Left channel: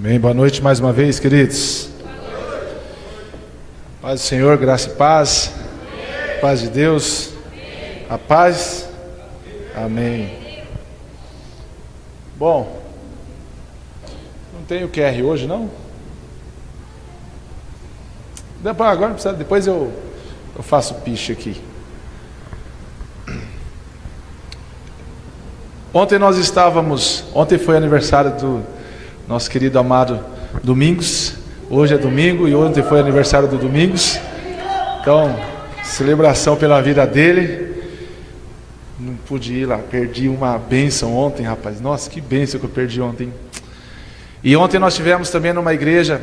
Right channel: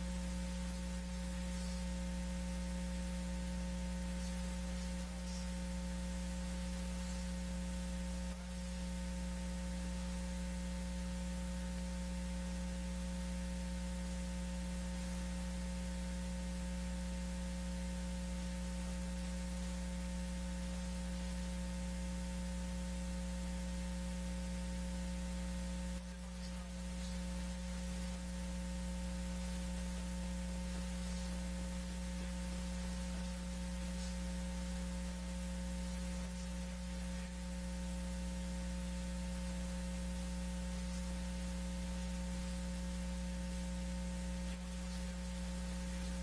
Amém. Boa noite mais uma vez, queridos. Paz do Senhor, graça e paz. Paz de Deus. A paz. Amém. Bom, não tem o QR hoje, não? Agora não precisa, depois eu faço piche aqui. Ontem foi aniversário do nosso querido amado Domingos. Hoje é domingo e ontem foi aniversário do Domingos. Então, celebração pela vida dele. Não pude ir lá, perdi uma bênção ontem, rapaz. Nossa, que bênção que eu perdi ontem. E ontem nós tivemos também numa igreja,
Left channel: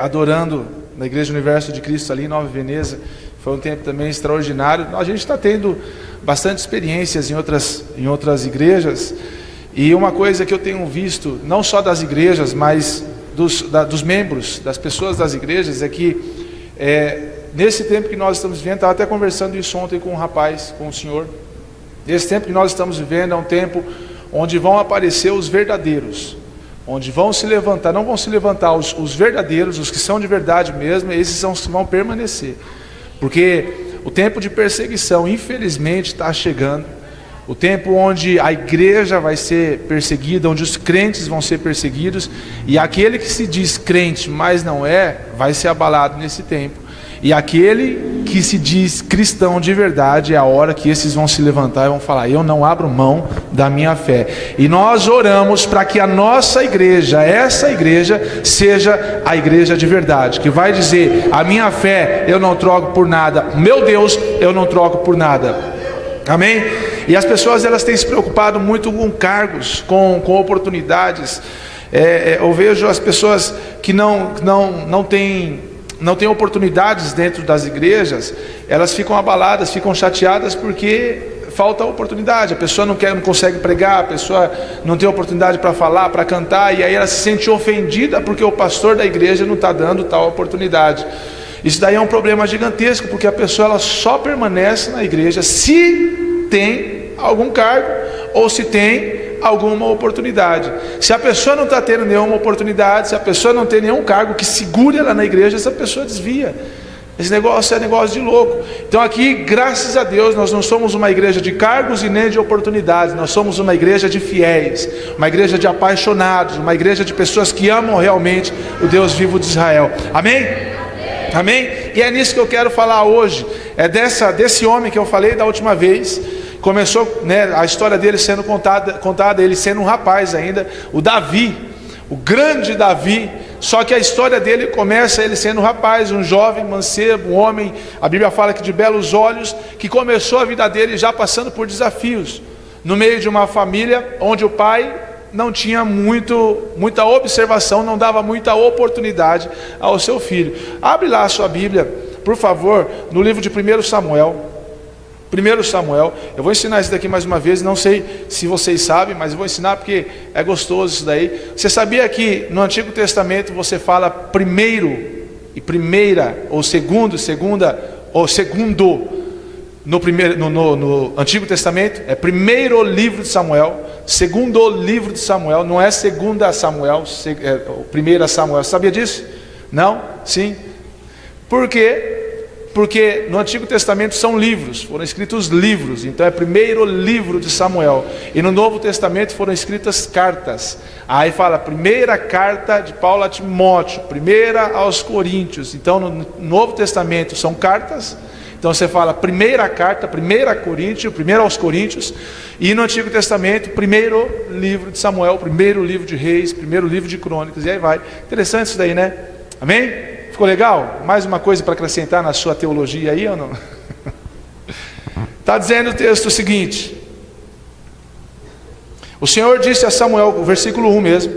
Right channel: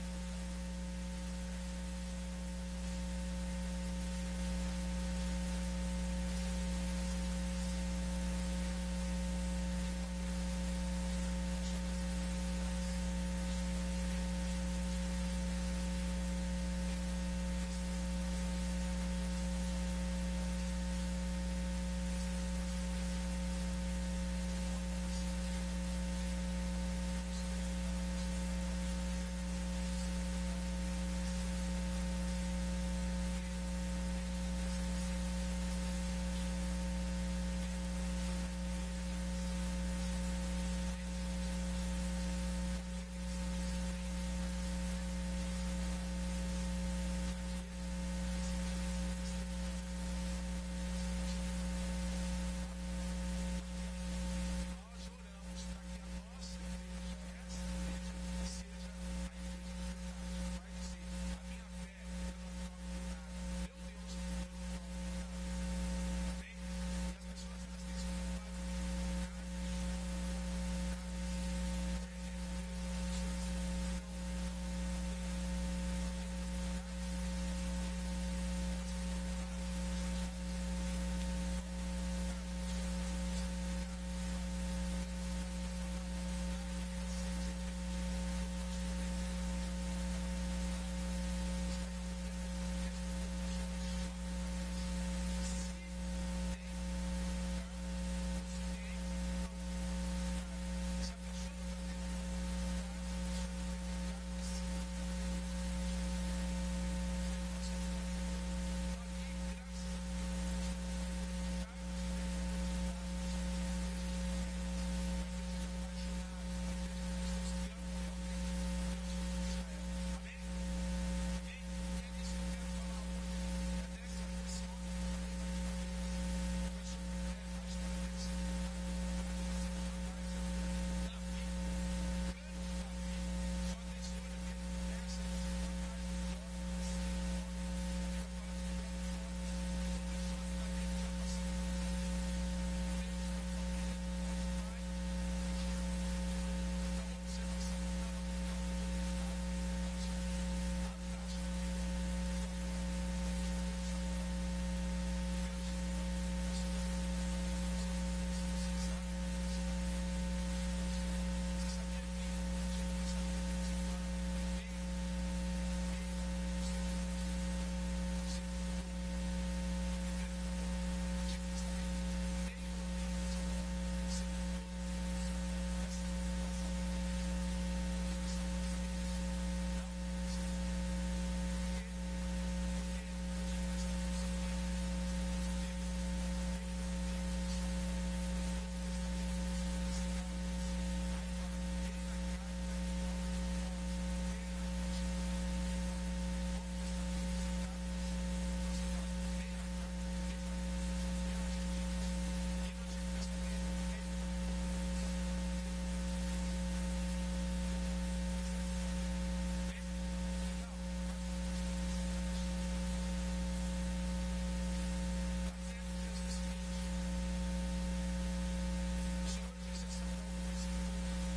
adorando, na Igreja Universo de Cristo ali em Nova Veneza. Foi um tempo também extraordinário. A gente está tendo bastante experiências em outras igrejas. E uma coisa que eu tenho visto, não só das igrejas, mas dos membros, das pessoas das igrejas, é que nesse tempo que nós estamos vivendo, estava até conversando isso ontem com um rapaz, com o senhor. Esse tempo que nós estamos vivendo é um tempo onde vão aparecer os verdadeiros, onde vão se levantar, não vão se levantar os verdadeiros, os que são de verdade mesmo, esses são os que vão permanecer. Porque o tempo de perseguição, infelizmente, está chegando. O tempo onde a igreja vai ser perseguida, onde os crentes vão ser perseguidos, e aquele que se diz crente, mas não é, vai ser abalado nesse tempo. E aquele que se diz cristão de verdade, é a hora que esses vão se levantar e vão falar: eu não abro mão da minha fé. E nós oramos para que a nossa igreja, essa igreja, seja a igreja de verdade, que vai dizer: a minha fé eu não troco por nada, meu Deus eu não troco por nada. Amém? E as pessoas, elas têm se preocupado muito com cargos, com oportunidades. Eu vejo as pessoas que não têm oportunidades dentro das igrejas, elas ficam abaladas, ficam chateadas porque falta oportunidade. A pessoa não consegue pregar, a pessoa não tem oportunidade para falar, para cantar, e aí ela se sente ofendida porque o pastor da igreja não está dando tal oportunidade. Isso daí é um problema gigantesco, porque a pessoa ela só permanece na igreja se tem algum cargo ou se tem alguma oportunidade. Se a pessoa não está tendo nenhuma oportunidade, se a pessoa não tem nenhum cargo que segure ela na igreja, essa pessoa desvia. Esse negócio é negócio de louco. Então aqui, graças a Deus, nós não somos uma igreja de cargos e nem de oportunidades. Nós somos uma igreja de fiéis, uma igreja de apaixonados, uma igreja de pessoas que amam realmente o Deus vivo de Israel. Amém? Amém? E é nisso que eu quero falar hoje. É desse homem que eu falei da última vez. Começou, a história dele sendo contada, ele sendo um rapaz ainda, o Davi, o grande Davi. Só que a história dele começa ele sendo um rapaz, um jovem, mancebo, um homem, a Bíblia fala que de belos olhos, que começou a vida dele já passando por desafios, no meio de uma família onde o pai não tinha muita observação, não dava muita oportunidade ao seu filho. Abre lá a sua Bíblia, por favor, no livro de 1 Samuel. 1 Samuel, eu vou ensinar isso daqui mais uma vez, não sei se vocês sabem, mas eu vou ensinar porque é gostoso isso daí. Você sabia que no Antigo Testamento você fala primeiro e primeira, ou segunda, ou segundo, no Antigo Testamento, é primeiro livro de Samuel, segundo livro de Samuel, não é segunda Samuel, é primeira Samuel. Você sabia disso? Não? Sim? Por quê? Porque no Antigo Testamento são livros, foram escritos livros, então é primeiro livro de Samuel. E no Novo Testamento foram escritas cartas. Aí fala primeira carta de Paulo a Timóteo, primeira aos Coríntios. Então no Novo Testamento são cartas. Então você fala primeira carta, primeira Coríntios, primeiro aos Coríntios. E no Antigo Testamento, primeiro livro de Samuel, primeiro livro de Reis, primeiro livro de Crônicas. E aí vai. Interessante isso daí, né? Amém? Ficou legal? Mais uma coisa para acrescentar na sua teologia aí ou não? Está dizendo o texto o seguinte: o Senhor disse a Samuel, o versículo 1 mesmo,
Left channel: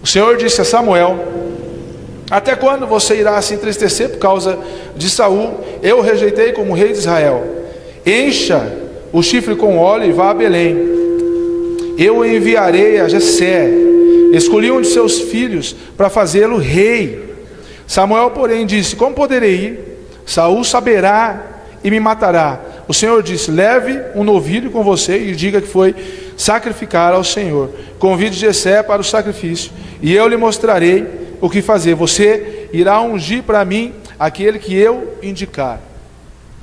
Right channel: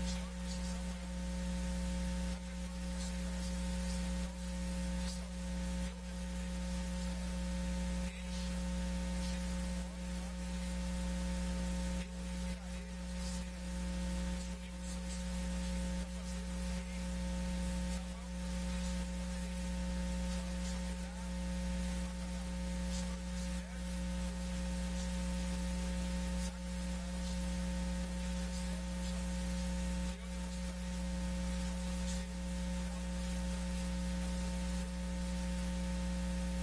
o Senhor disse a Samuel: até quando você irá se entristecer por causa de Saul? Eu o rejeitei como rei de Israel. Encha o chifre com óleo e vá a Belém. Eu o enviarei a Jessé. Escolhi um de seus filhos para fazê-lo rei. Samuel, porém, disse: como poderei ir? Saul saberá e me matará. O Senhor disse: leve um novilho com você e diga que foi sacrificar ao Senhor. Convide Jessé para o sacrifício, e eu lhe mostrarei o que fazer. Você irá ungir para mim aquele que eu indicar.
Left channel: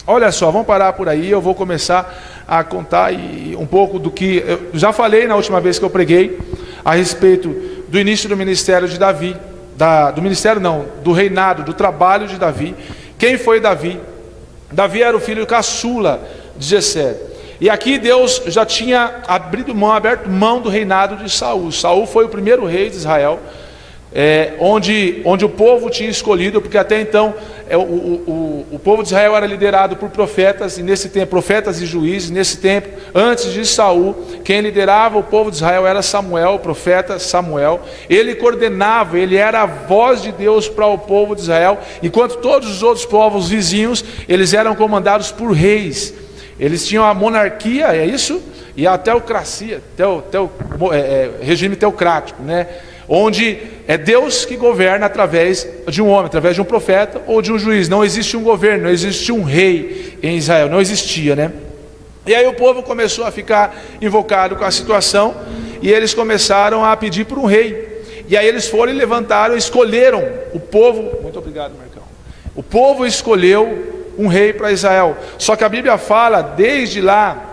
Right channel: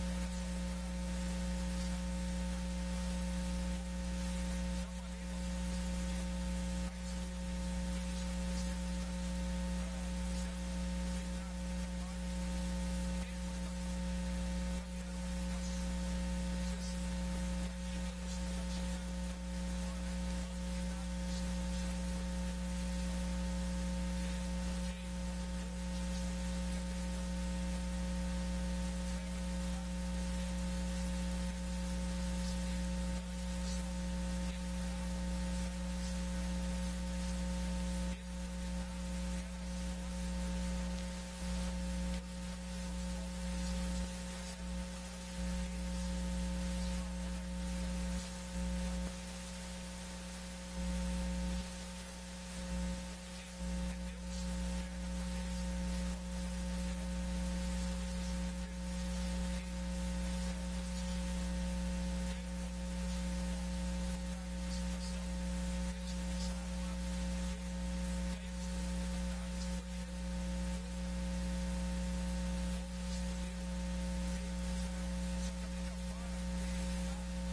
Olha só, vamos parar por aí. Eu vou começar a contar um pouco do que eu já falei na última vez que eu preguei a respeito do início do ministério de Davi, do reinado, do trabalho de Davi. Quem foi Davi? Davi era o filho caçula de Jessé. E aqui Deus já tinha aberto mão do reinado de Saul. Saul foi o primeiro rei de Israel, onde o povo tinha escolhido, porque até então o povo de Israel era liderado por profetas, e nesse tempo, profetas e juízes. Nesse tempo, antes de Saul, quem liderava o povo de Israel era Samuel, o profeta Samuel. Ele coordenava, ele era a voz de Deus para o povo de Israel, enquanto todos os outros povos vizinhos, eles eram comandados por reis. Eles tinham a monarquia, é isso? E a teocracia, regime teocrático, né? Onde é Deus que governa através de um homem, através de um profeta ou de um juiz. Não existe um governo, não existe um rei em Israel, não existia, né? E aí o povo começou a ficar invocado com a situação, e eles começaram a pedir por um rei. E aí eles foram e levantaram, escolheram o povo. Muito obrigado, Marcão. O povo escolheu um rei para Israel. Só que a Bíblia fala desde lá,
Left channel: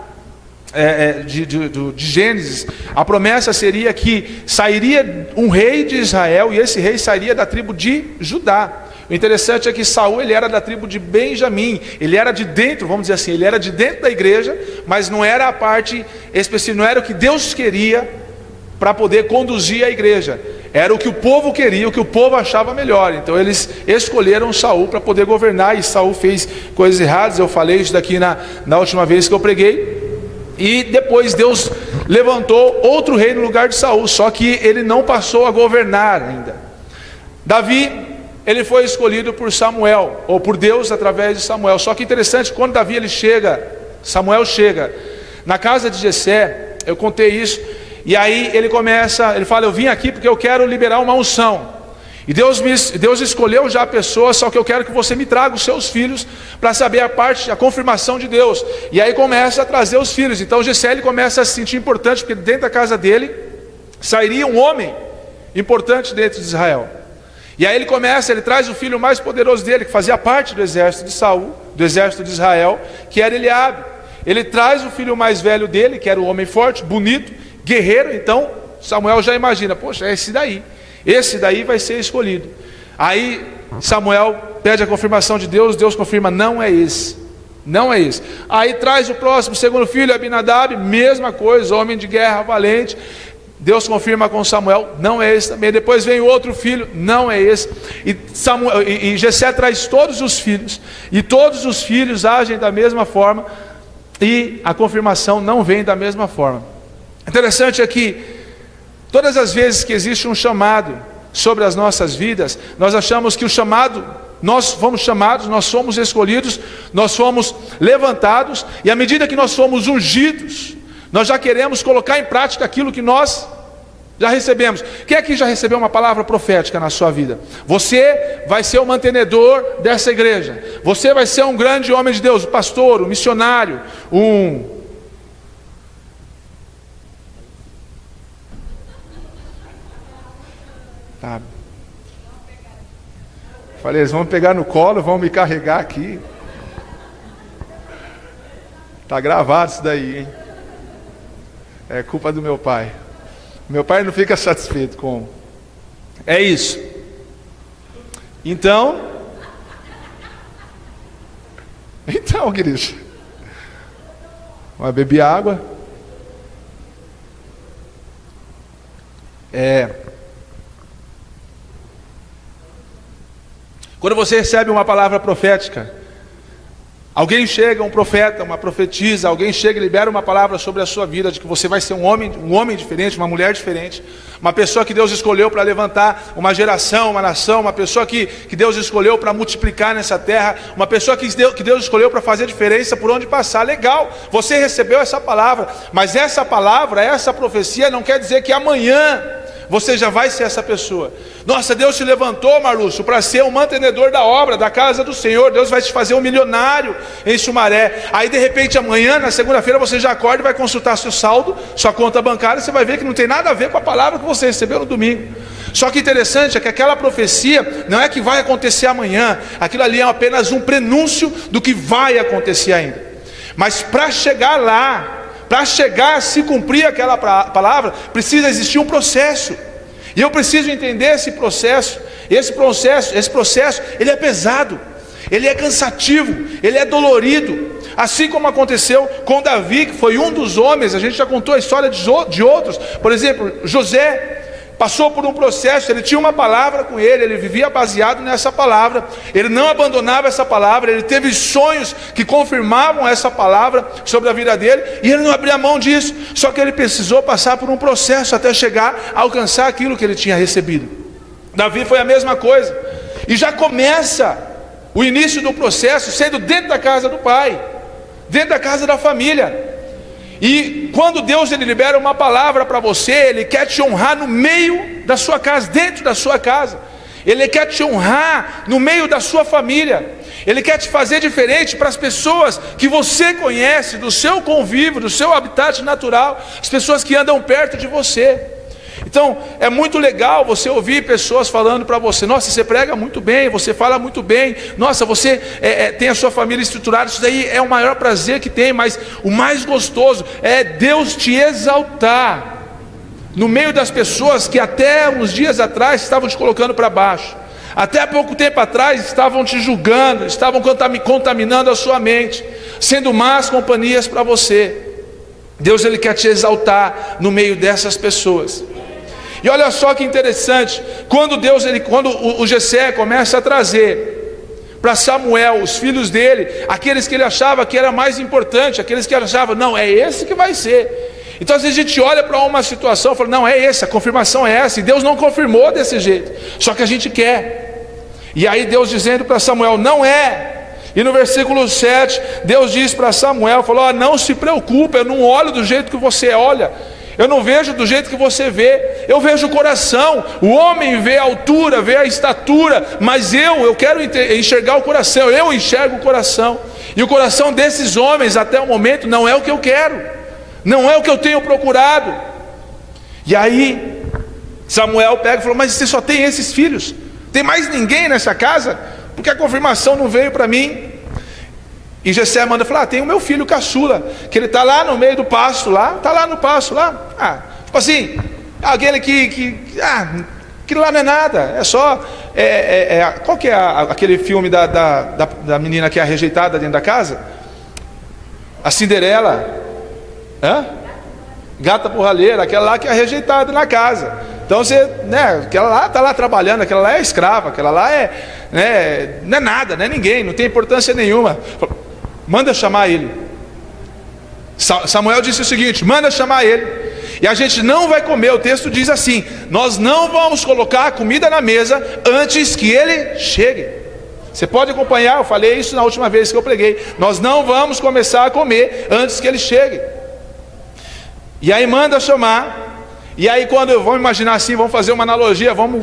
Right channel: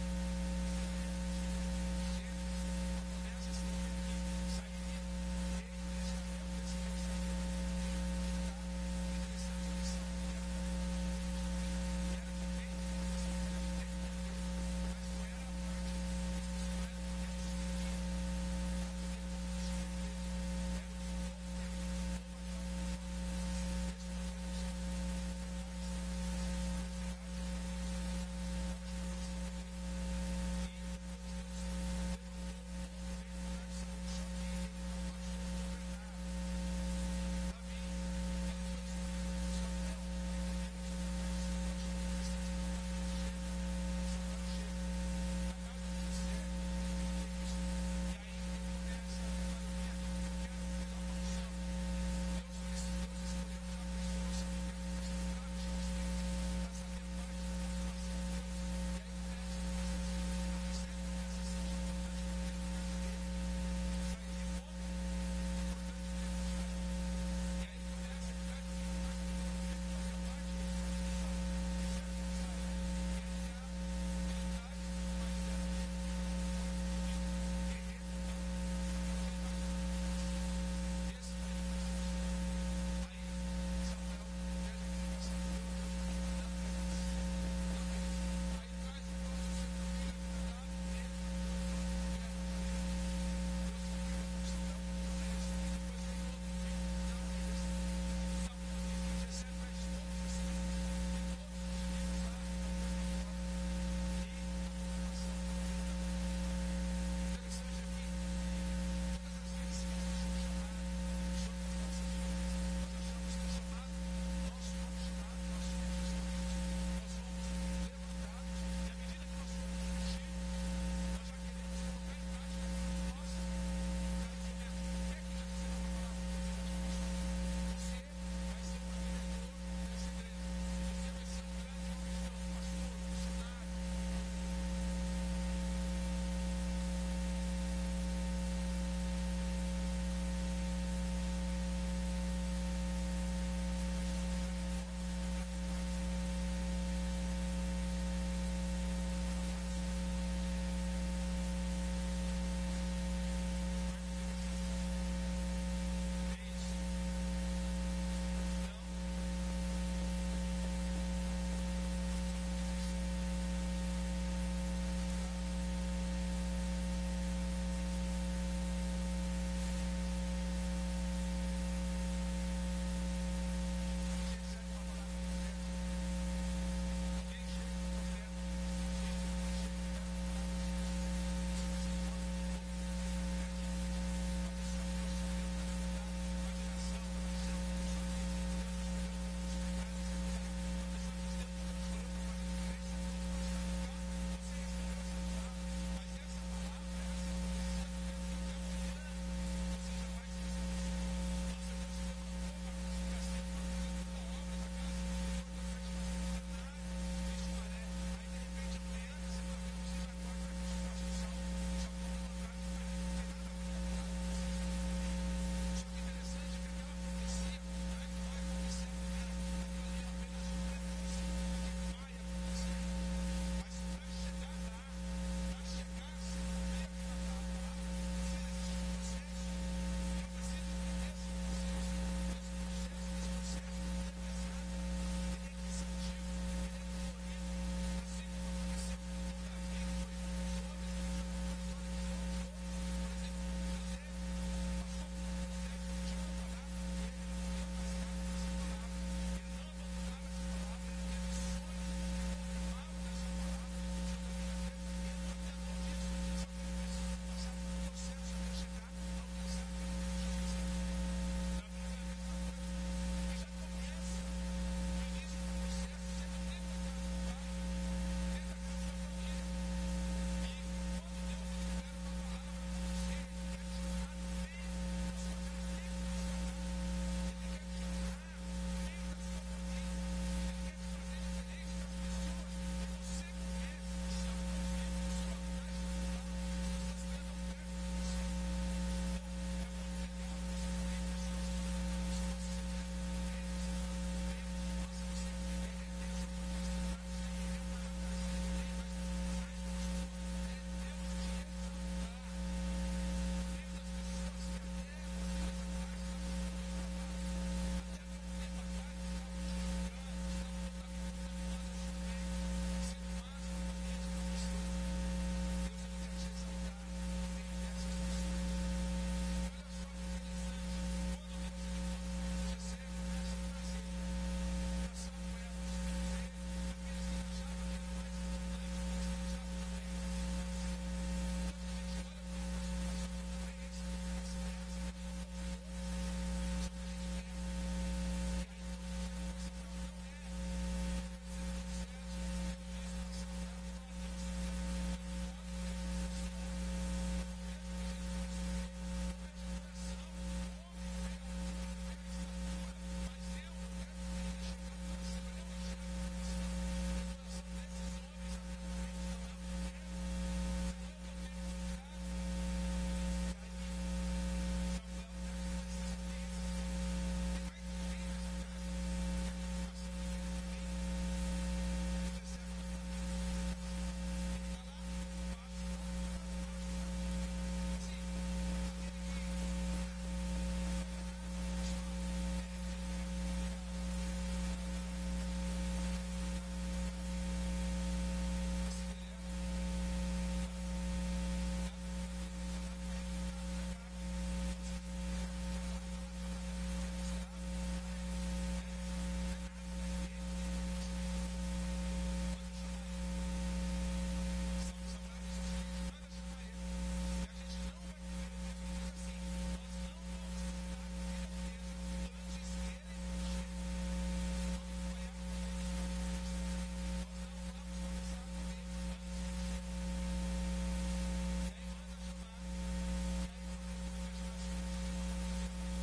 de Gênesis, a promessa seria que sairia um rei de Israel, e esse rei sairia da tribo de Judá. O interessante é que Saul, ele era da tribo de Benjamim. Ele era de dentro, vamos dizer assim, ele era de dentro da igreja, mas não era a parte específica, não era o que Deus queria para poder conduzir a igreja. Era o que o povo queria, o que o povo achava melhor. Então eles escolheram Saul para poder governar, e Saul fez coisas erradas. Eu falei isso daqui na última vez que eu preguei. E depois Deus levantou outro rei no lugar de Saul, só que ele não passou a governar ainda. Davi, ele foi escolhido por Samuel, ou por Deus através de Samuel. Só que interessante, quando Samuel chega na casa de Jessé, eu contei isso, e aí ele fala: eu vim aqui porque eu quero liberar uma unção. E Deus escolheu já a pessoa, só que eu quero que você me traga os seus filhos para saber a confirmação de Deus. E aí começa a trazer os filhos. Então Jessé, ele começa a se sentir importante, porque dentro da casa dele sairia um homem importante dentro de Israel. E aí ele traz o filho mais poderoso dele, que fazia parte do exército de Saul, do exército de Israel, que era Eliabe. Ele traz o filho mais velho dele, que era o homem forte, bonito, guerreiro. Então Samuel já imagina: poxa, é esse daí vai ser escolhido. Aí Samuel pede a confirmação de Deus, Deus confirma: não é esse. Aí traz o próximo, segundo filho, Abinadab, mesma coisa, homem de guerra, valente. Deus confirma com Samuel: não é esse também. Depois vem o outro filho: não é esse. E Jessé traz todos os filhos, e todos os filhos agem da mesma forma, e a confirmação não vem da mesma forma. Interessante é que todas as vezes que existe um chamado sobre as nossas vidas, nós achamos que nós fomos chamados, nós somos escolhidos, nós fomos levantados, e à medida que nós somos ungidos, nós já queremos colocar em prática aquilo que nós já recebemos. Quem aqui já recebeu uma palavra profética na sua vida? Você vai ser o mantenedor dessa igreja, você vai ser um grande homem de Deus, um pastor, um missionário, Falei: eles vão pegar no colo, vão me carregar aqui. Está gravado isso daí, hein? É culpa do meu pai. Meu pai não fica satisfeito com... É isso. Então, queridos, vai beber água. Quando você recebe uma palavra profética, alguém chega, um profeta, uma profetisa, alguém chega e libera uma palavra sobre a sua vida, de que você vai ser um homem diferente, uma mulher diferente, uma pessoa que Deus escolheu para levantar uma geração, uma nação, uma pessoa que Deus escolheu para multiplicar nessa terra, uma pessoa que Deus escolheu para fazer diferença por onde passar. Legal, você recebeu essa palavra, mas essa palavra, essa profecia não quer dizer que amanhã você já vai ser essa pessoa. Nossa, Deus te levantou, Marlúcio, para ser um mantenedor da obra, da casa do Senhor. Deus vai te fazer um milionário em Sumaré. Aí de repente amanhã, na segunda-feira, você já acorda e vai consultar seu saldo, sua conta bancária, você vai ver que não tem nada a ver com a palavra que você recebeu no domingo. Só que interessante é que aquela profecia não é que vai acontecer amanhã. Aquilo ali é apenas um prenúncio do que vai acontecer ainda. Mas para chegar lá, para chegar a se cumprir aquela palavra, precisa existir um processo. E eu preciso entender esse processo. Esse processo, ele é pesado, ele é cansativo, ele é dolorido. Assim como aconteceu com Davi, que foi um dos homens, a gente já contou a história de outros. Por exemplo, José passou por um processo, ele tinha uma palavra com ele vivia baseado nessa palavra, ele não abandonava essa palavra, ele teve sonhos que confirmavam essa palavra sobre a vida dele, e ele não abria mão disso. Só que ele precisou passar por um processo até chegar a alcançar aquilo que ele tinha recebido. Davi foi a mesma coisa, e já começa o início do processo sendo dentro da casa do pai, dentro da casa da família. E quando Deus ele libera uma palavra para você, Ele quer te honrar no meio da sua casa, dentro da sua casa. Ele quer te honrar no meio da sua família. Ele quer te fazer diferente para as pessoas que você conhece, do seu convívio, do seu habitat natural, as pessoas que andam perto de você. Então é muito legal você ouvir pessoas falando para você: nossa, você prega muito bem, você fala muito bem, nossa, você tem a sua família estruturada. Isso daí é o maior prazer que tem, mas o mais gostoso é Deus te exaltar no meio das pessoas que até uns dias atrás estavam te colocando para baixo, até há pouco tempo atrás estavam te julgando, estavam contaminando a sua mente, sendo más companhias para você. Deus ele quer te exaltar no meio dessas pessoas. E olha só que interessante, quando o Jessé começa a trazer para Samuel os filhos dele, aqueles que ele achava que era mais importante, aqueles que ele achava, não, é esse que vai ser. Então às vezes a gente olha para uma situação e fala, não, é esse, a confirmação é essa, e Deus não confirmou desse jeito, só que a gente quer. E aí Deus dizendo para Samuel, não é. E no versículo 7, Deus diz para Samuel, falou, não se preocupe, eu não olho do jeito que você olha, eu não vejo do jeito que você vê, eu vejo o coração. O homem vê a altura, vê a estatura, mas eu quero enxergar o coração, eu enxergo o coração. E o coração desses homens até o momento não é o que eu quero, não é o que eu tenho procurado. E aí Samuel pega e falou, mas você só tem esses filhos? Tem mais ninguém nessa casa? Porque a confirmação não veio para mim. E Jessé manda falar, tem o meu filho caçula, que ele está lá no meio do pasto lá, está lá no pasto lá, tipo assim, aquele que lá não é nada, é só, qual que é aquele filme da menina que é rejeitada dentro da casa? A Cinderela, Gata borralheira, aquela lá que é rejeitada na casa. Então você, aquela lá está lá trabalhando, aquela lá é escrava, aquela lá não é nada, não é ninguém, não tem importância nenhuma. Manda chamar ele. Samuel disse o seguinte, manda chamar ele, e a gente não vai comer. O texto diz assim, nós não vamos colocar a comida na mesa antes que ele chegue. Você pode acompanhar, eu falei isso na última vez que eu preguei, nós não vamos começar a comer antes que ele chegue. E aí manda chamar. E aí vamos imaginar assim, vamos fazer uma analogia, vamos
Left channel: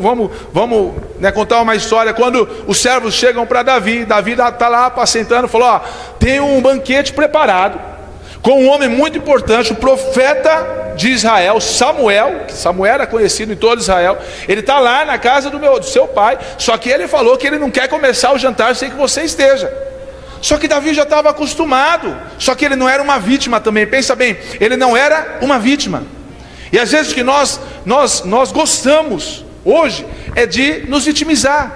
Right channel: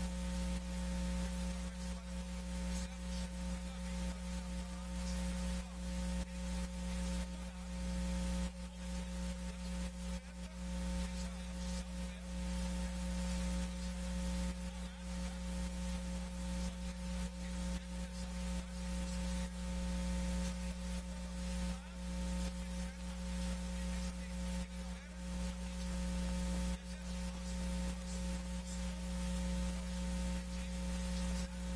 contar uma história. Quando os servos chegam para Davi está lá apacentando, falou, tem um banquete preparado, com um homem muito importante, o profeta de Israel, Samuel, que Samuel era conhecido em todo Israel, ele está lá na casa do seu pai, só que ele falou que ele não quer começar o jantar sem que você esteja. Só que Davi já estava acostumado, só que ele não era uma vítima também, pensa bem, ele não era uma vítima. E às vezes que nós gostamos hoje é de nos vitimizar,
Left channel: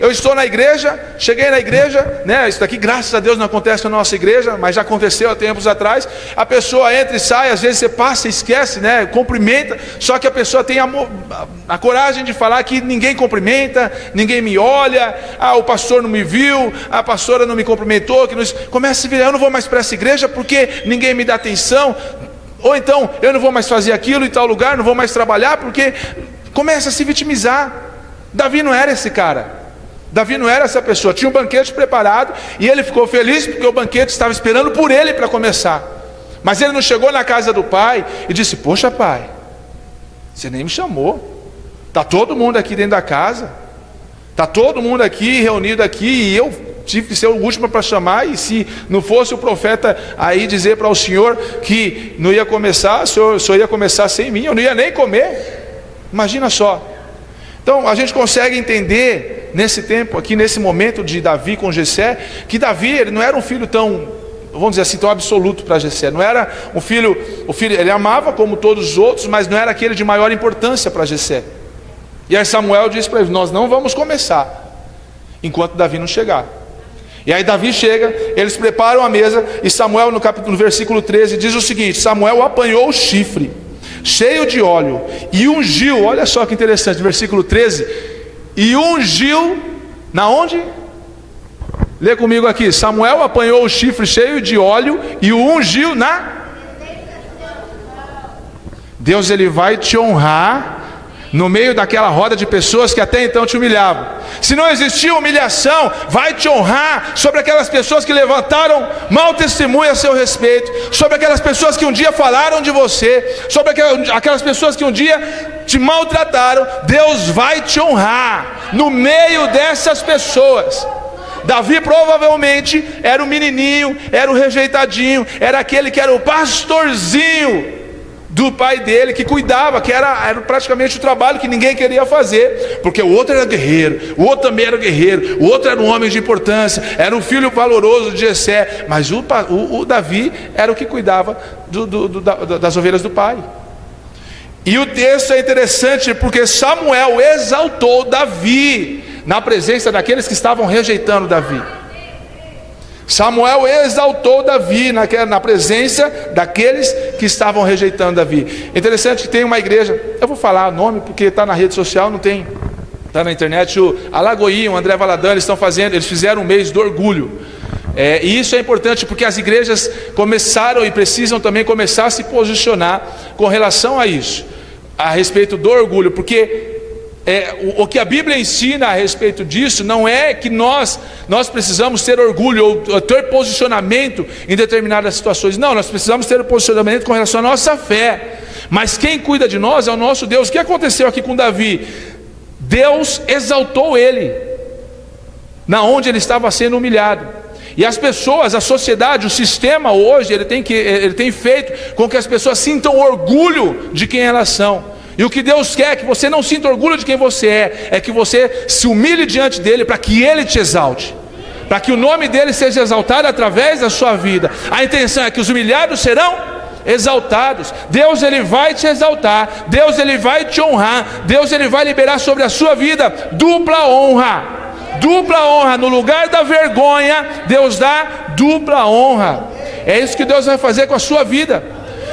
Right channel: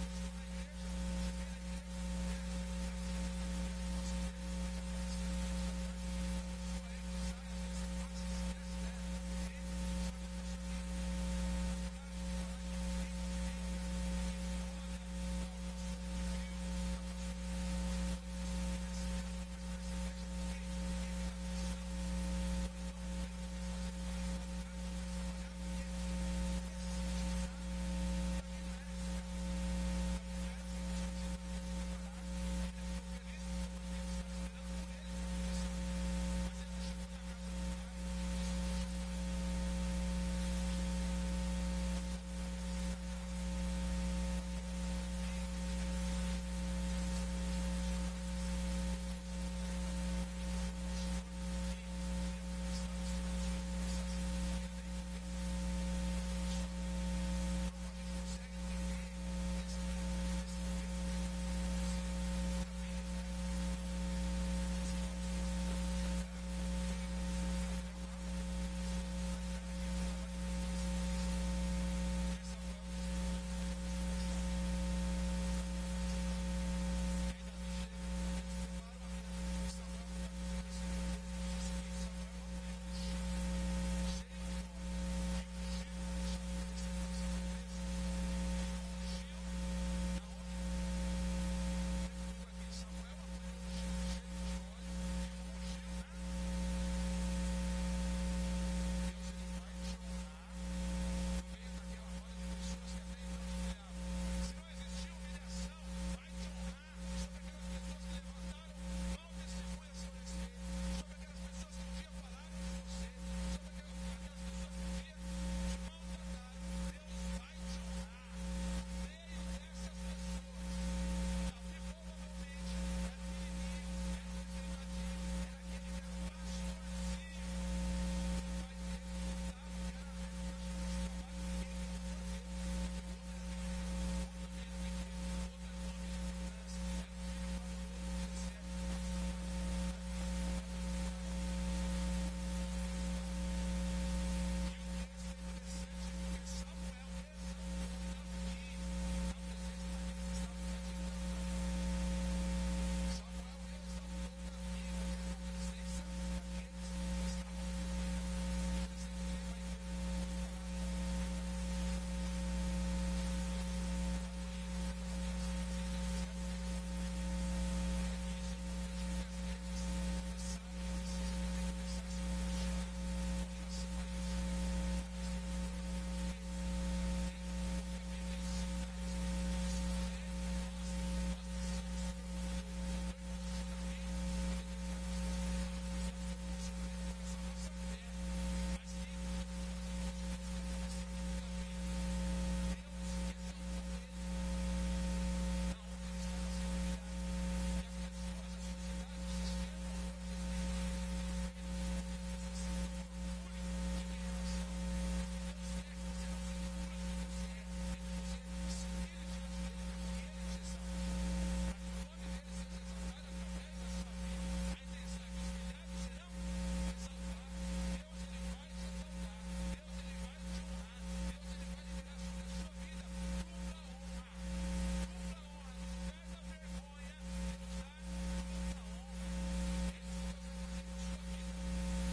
eu estou na igreja, cheguei na igreja, isso daqui graças a Deus não acontece na nossa igreja, mas já aconteceu há tempos atrás, a pessoa entra e sai, às vezes você passa e esquece, cumprimenta, só que a pessoa tem a coragem de falar que ninguém cumprimenta, ninguém me olha, o pastor não me viu, a pastora não me cumprimentou, começa a virar, eu não vou mais para essa igreja porque ninguém me dá atenção. Ou então, eu não vou mais fazer aquilo em tal lugar, não vou mais trabalhar, porque começa a se vitimizar. Davi não era esse cara, Davi não era essa pessoa, tinha um banquete preparado, e ele ficou feliz porque o banquete estava esperando por ele para começar. Mas ele não chegou na casa do pai e disse, poxa pai, Você nem me chamou. Está todo mundo aqui dentro da casa. Está todo mundo aqui, reunido aqui, e eu tive que ser o último para chamar. E se não fosse o profeta aí dizer para o senhor que não ia começar, o senhor ia começar sem mim, eu não ia nem comer. Imagina só. Então a gente consegue entender nesse tempo aqui, nesse momento de Davi com Jessé, que Davi, ele não era um filho tão, vamos dizer assim, tão absoluto para Jessé. Não era um filho, ele amava como todos os outros, mas não era aquele de maior importância para Jessé. E aí Samuel disse para ele: nós não vamos começar enquanto Davi não chegar. E aí Davi chega, eles preparam a mesa, e Samuel no versículo 13 diz o seguinte: Samuel apanhou o chifre cheio de óleo e ungiu, olha só que interessante, versículo 13, e ungiu, na onde? Lê comigo aqui: Samuel apanhou o chifre cheio de óleo e o ungiu na... Deus, ele vai te honrar no meio daquela roda de pessoas que até então te humilhavam. Se não existia humilhação, vai te honrar sobre aquelas pessoas que levantaram mau testemunho a seu respeito, sobre aquelas pessoas que um dia falaram de você, sobre aquelas pessoas que um dia te maltrataram. Deus vai te honrar no meio dessas pessoas. Davi provavelmente era o menininho, era o rejeitadinho, era aquele que era o pastorzinho do pai dele, que cuidava, que era praticamente o trabalho que ninguém queria fazer, porque o outro era guerreiro, o outro também era guerreiro, o outro era um homem de importância, era um filho valoroso de Jessé, mas o Davi era o que cuidava das ovelhas do pai. E o texto é interessante porque Samuel exaltou Davi na presença daqueles que estavam rejeitando Davi. Samuel exaltou Davi na presença daqueles que estavam rejeitando Davi. Interessante que tem uma igreja, eu vou falar o nome porque está na rede social, não tem, está na internet, o Alagoinha, o André Valadan, eles fizeram um mês do orgulho. E isso é importante porque as igrejas começaram e precisam também começar a se posicionar com relação a isso, a respeito do orgulho, porque o que a Bíblia ensina a respeito disso não é que nós precisamos ter orgulho ou ter posicionamento em determinadas situações. Não, nós precisamos ter posicionamento com relação à nossa fé. Mas quem cuida de nós é o nosso Deus. O que aconteceu aqui com Davi? Deus exaltou ele na onde ele estava sendo humilhado. E as pessoas, a sociedade, o sistema hoje, ele tem feito com que as pessoas sintam orgulho de quem elas são. E o que Deus quer é que você não sinta orgulho de quem você é que você se humilhe diante dele para que ele te exalte, para que o nome dele seja exaltado através da sua vida. A intenção é que os humilhados serão exaltados. Deus, ele vai te exaltar, Deus, ele vai te honrar, Deus, ele vai liberar sobre a sua vida dupla honra. Dupla honra, no lugar da vergonha, Deus dá dupla honra. É isso que Deus vai fazer com a sua vida.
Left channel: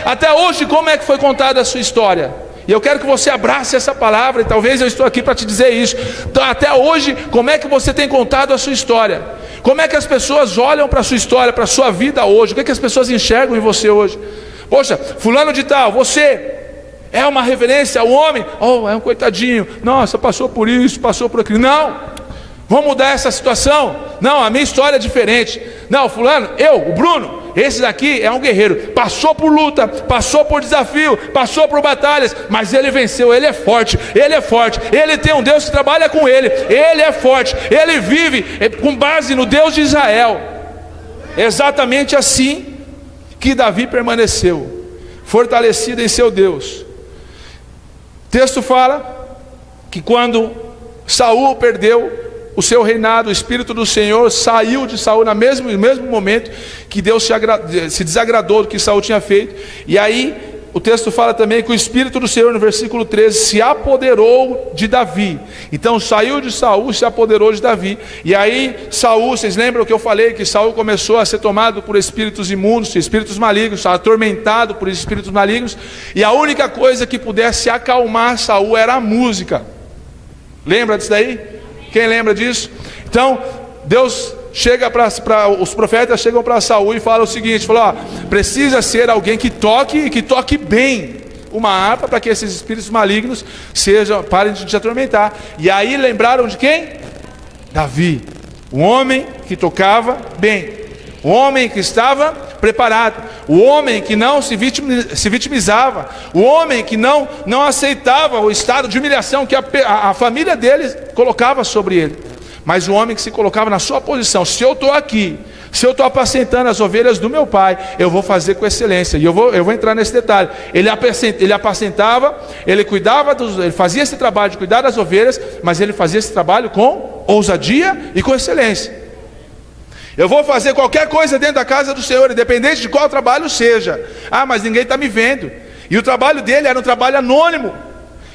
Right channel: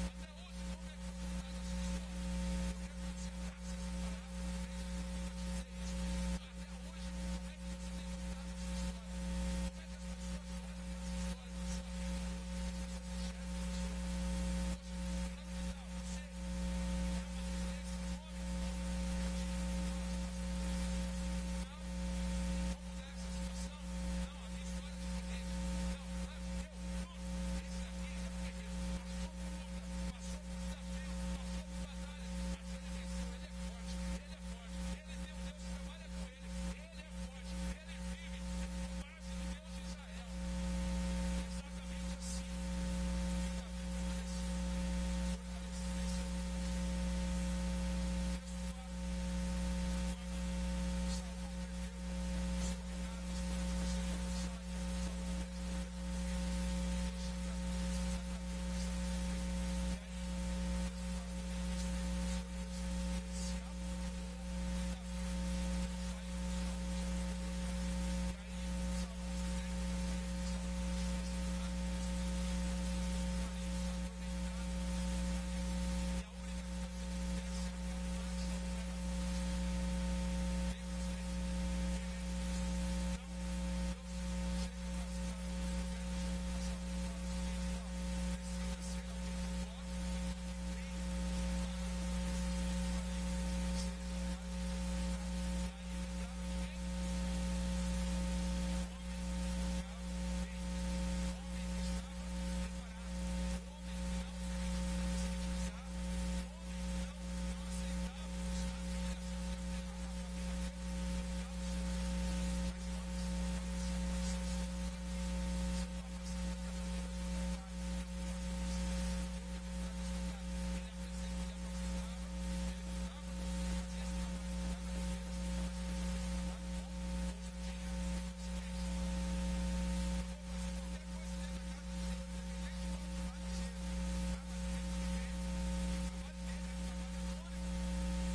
Até hoje, como é que foi contada a sua história? E eu quero que você abrace essa palavra, e talvez eu estou aqui para te dizer isso. Então, até hoje, como é que você tem contado a sua história? Como é que as pessoas olham para a sua história, para a sua vida hoje? O que é que as pessoas enxergam em você hoje? Poxa, fulano de tal, você é uma referência ao homem? Oh, é um coitadinho, nossa, passou por isso, passou por aquilo. Não, vamos mudar essa situação. Não, a minha história é diferente. Não, fulano, o Bruno, esse daqui é um guerreiro, passou por luta, passou por desafio, passou por batalhas, mas ele venceu, ele é forte, ele tem um Deus que trabalha com ele é forte, ele vive com base no Deus de Israel. Exatamente assim que Davi permaneceu, fortalecido em seu Deus. O texto fala que quando Saul perdeu o seu reinado, o Espírito do Senhor saiu de Saul no mesmo momento que Deus se desagradou do que Saul tinha feito. E aí o texto fala também que o Espírito do Senhor, no versículo 13, se apoderou de Davi. Então saiu de Saul, se apoderou de Davi. E aí Saul, vocês lembram que eu falei que Saul começou a ser tomado por espíritos imundos, espíritos malignos, atormentado por espíritos malignos, e a única coisa que pudesse acalmar Saul era a música. Lembra disso daí? Quem lembra disso? Então Deus chega os profetas chegam para Saul e falam o seguinte, precisa ser alguém que toque bem uma harpa, para que esses espíritos malignos parem de te atormentar. E aí lembraram de quem? Davi, o homem que tocava bem, o homem que estava preparado. O homem que não se vitimizava, o homem que não aceitava o estado de humilhação que a família dele colocava sobre ele, mas o homem que se colocava na sua posição. Se eu estou aqui, se eu estou apacentando as ovelhas do meu pai, eu vou fazer com excelência. E eu vou entrar nesse detalhe. Ele apacentava, ele cuidava, ele fazia esse trabalho de cuidar das ovelhas, mas ele fazia esse trabalho com ousadia e com excelência. Eu vou fazer qualquer coisa dentro da casa do Senhor, independente de qual trabalho seja. Ah, mas ninguém está me vendo. E o trabalho dele era um trabalho anônimo.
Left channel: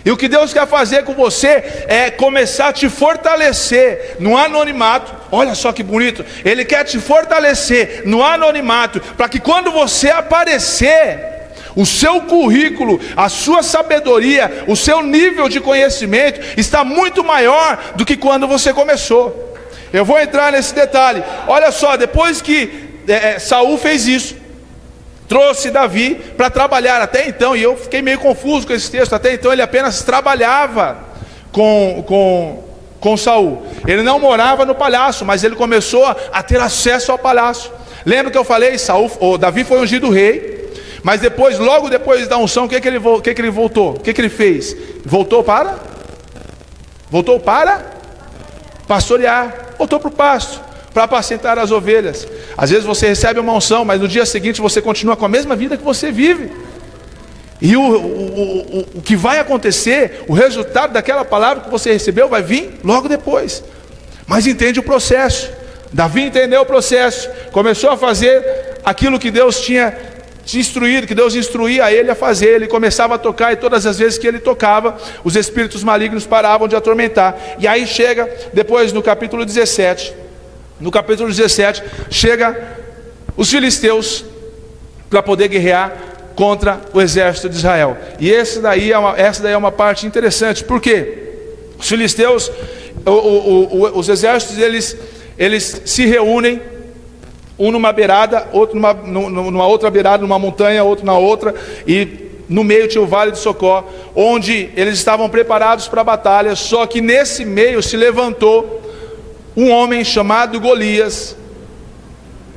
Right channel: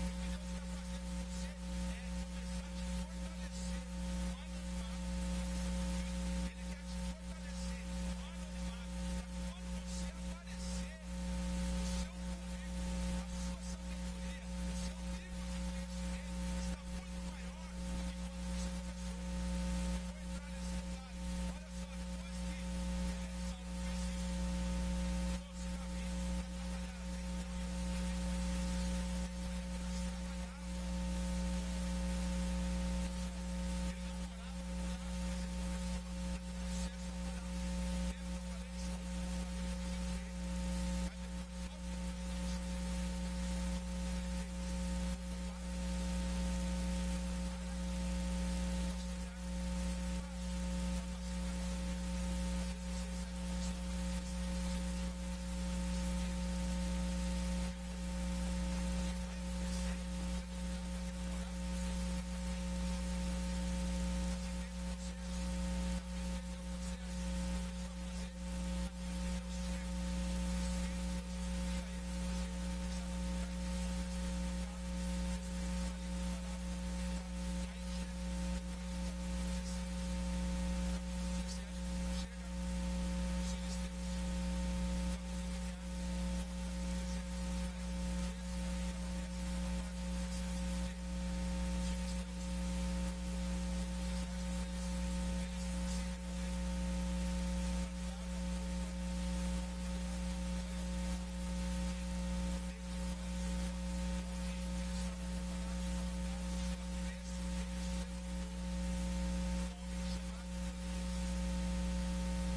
E o que Deus quer fazer com você é começar a te fortalecer no anonimato. Olha só que bonito. Ele quer te fortalecer no anonimato, para que quando você aparecer, o seu currículo, a sua sabedoria, o seu nível de conhecimento está muito maior do que quando você começou. Eu vou entrar nesse detalhe. Olha só, depois que Saul fez isso, trouxe Davi para trabalhar. Até então, e eu fiquei meio confuso com esse texto, até então ele apenas trabalhava com Saul. Ele não morava no palácio, mas ele começou a ter acesso ao palácio. Lembra que eu falei, Davi foi ungido rei, mas depois, logo depois da unção, o que ele voltou? O que ele fez? Voltou para pastorear, voltou para o pasto, para apacentar as ovelhas. Às vezes você recebe uma unção, mas no dia seguinte você continua com a mesma vida que você vive. E o que vai acontecer, o resultado daquela palavra que você recebeu vai vir logo depois. Mas entende o processo. Davi entendeu o processo, começou a fazer aquilo que Deus tinha instruído, que Deus instruía ele a fazer. Ele começava a tocar, e todas as vezes que ele tocava, os espíritos malignos paravam de atormentar. E aí chega, depois no capítulo 17, chega os filisteus para poder guerrear contra o exército de Israel. E essa daí é uma parte interessante, porque os filisteus, os exércitos, eles se reúnem, um numa beirada, outro numa outra beirada, numa montanha, outro na outra, e no meio tinha o Vale de Socó, onde eles estavam preparados para a batalha. Só que nesse meio se levantou um homem chamado Golias.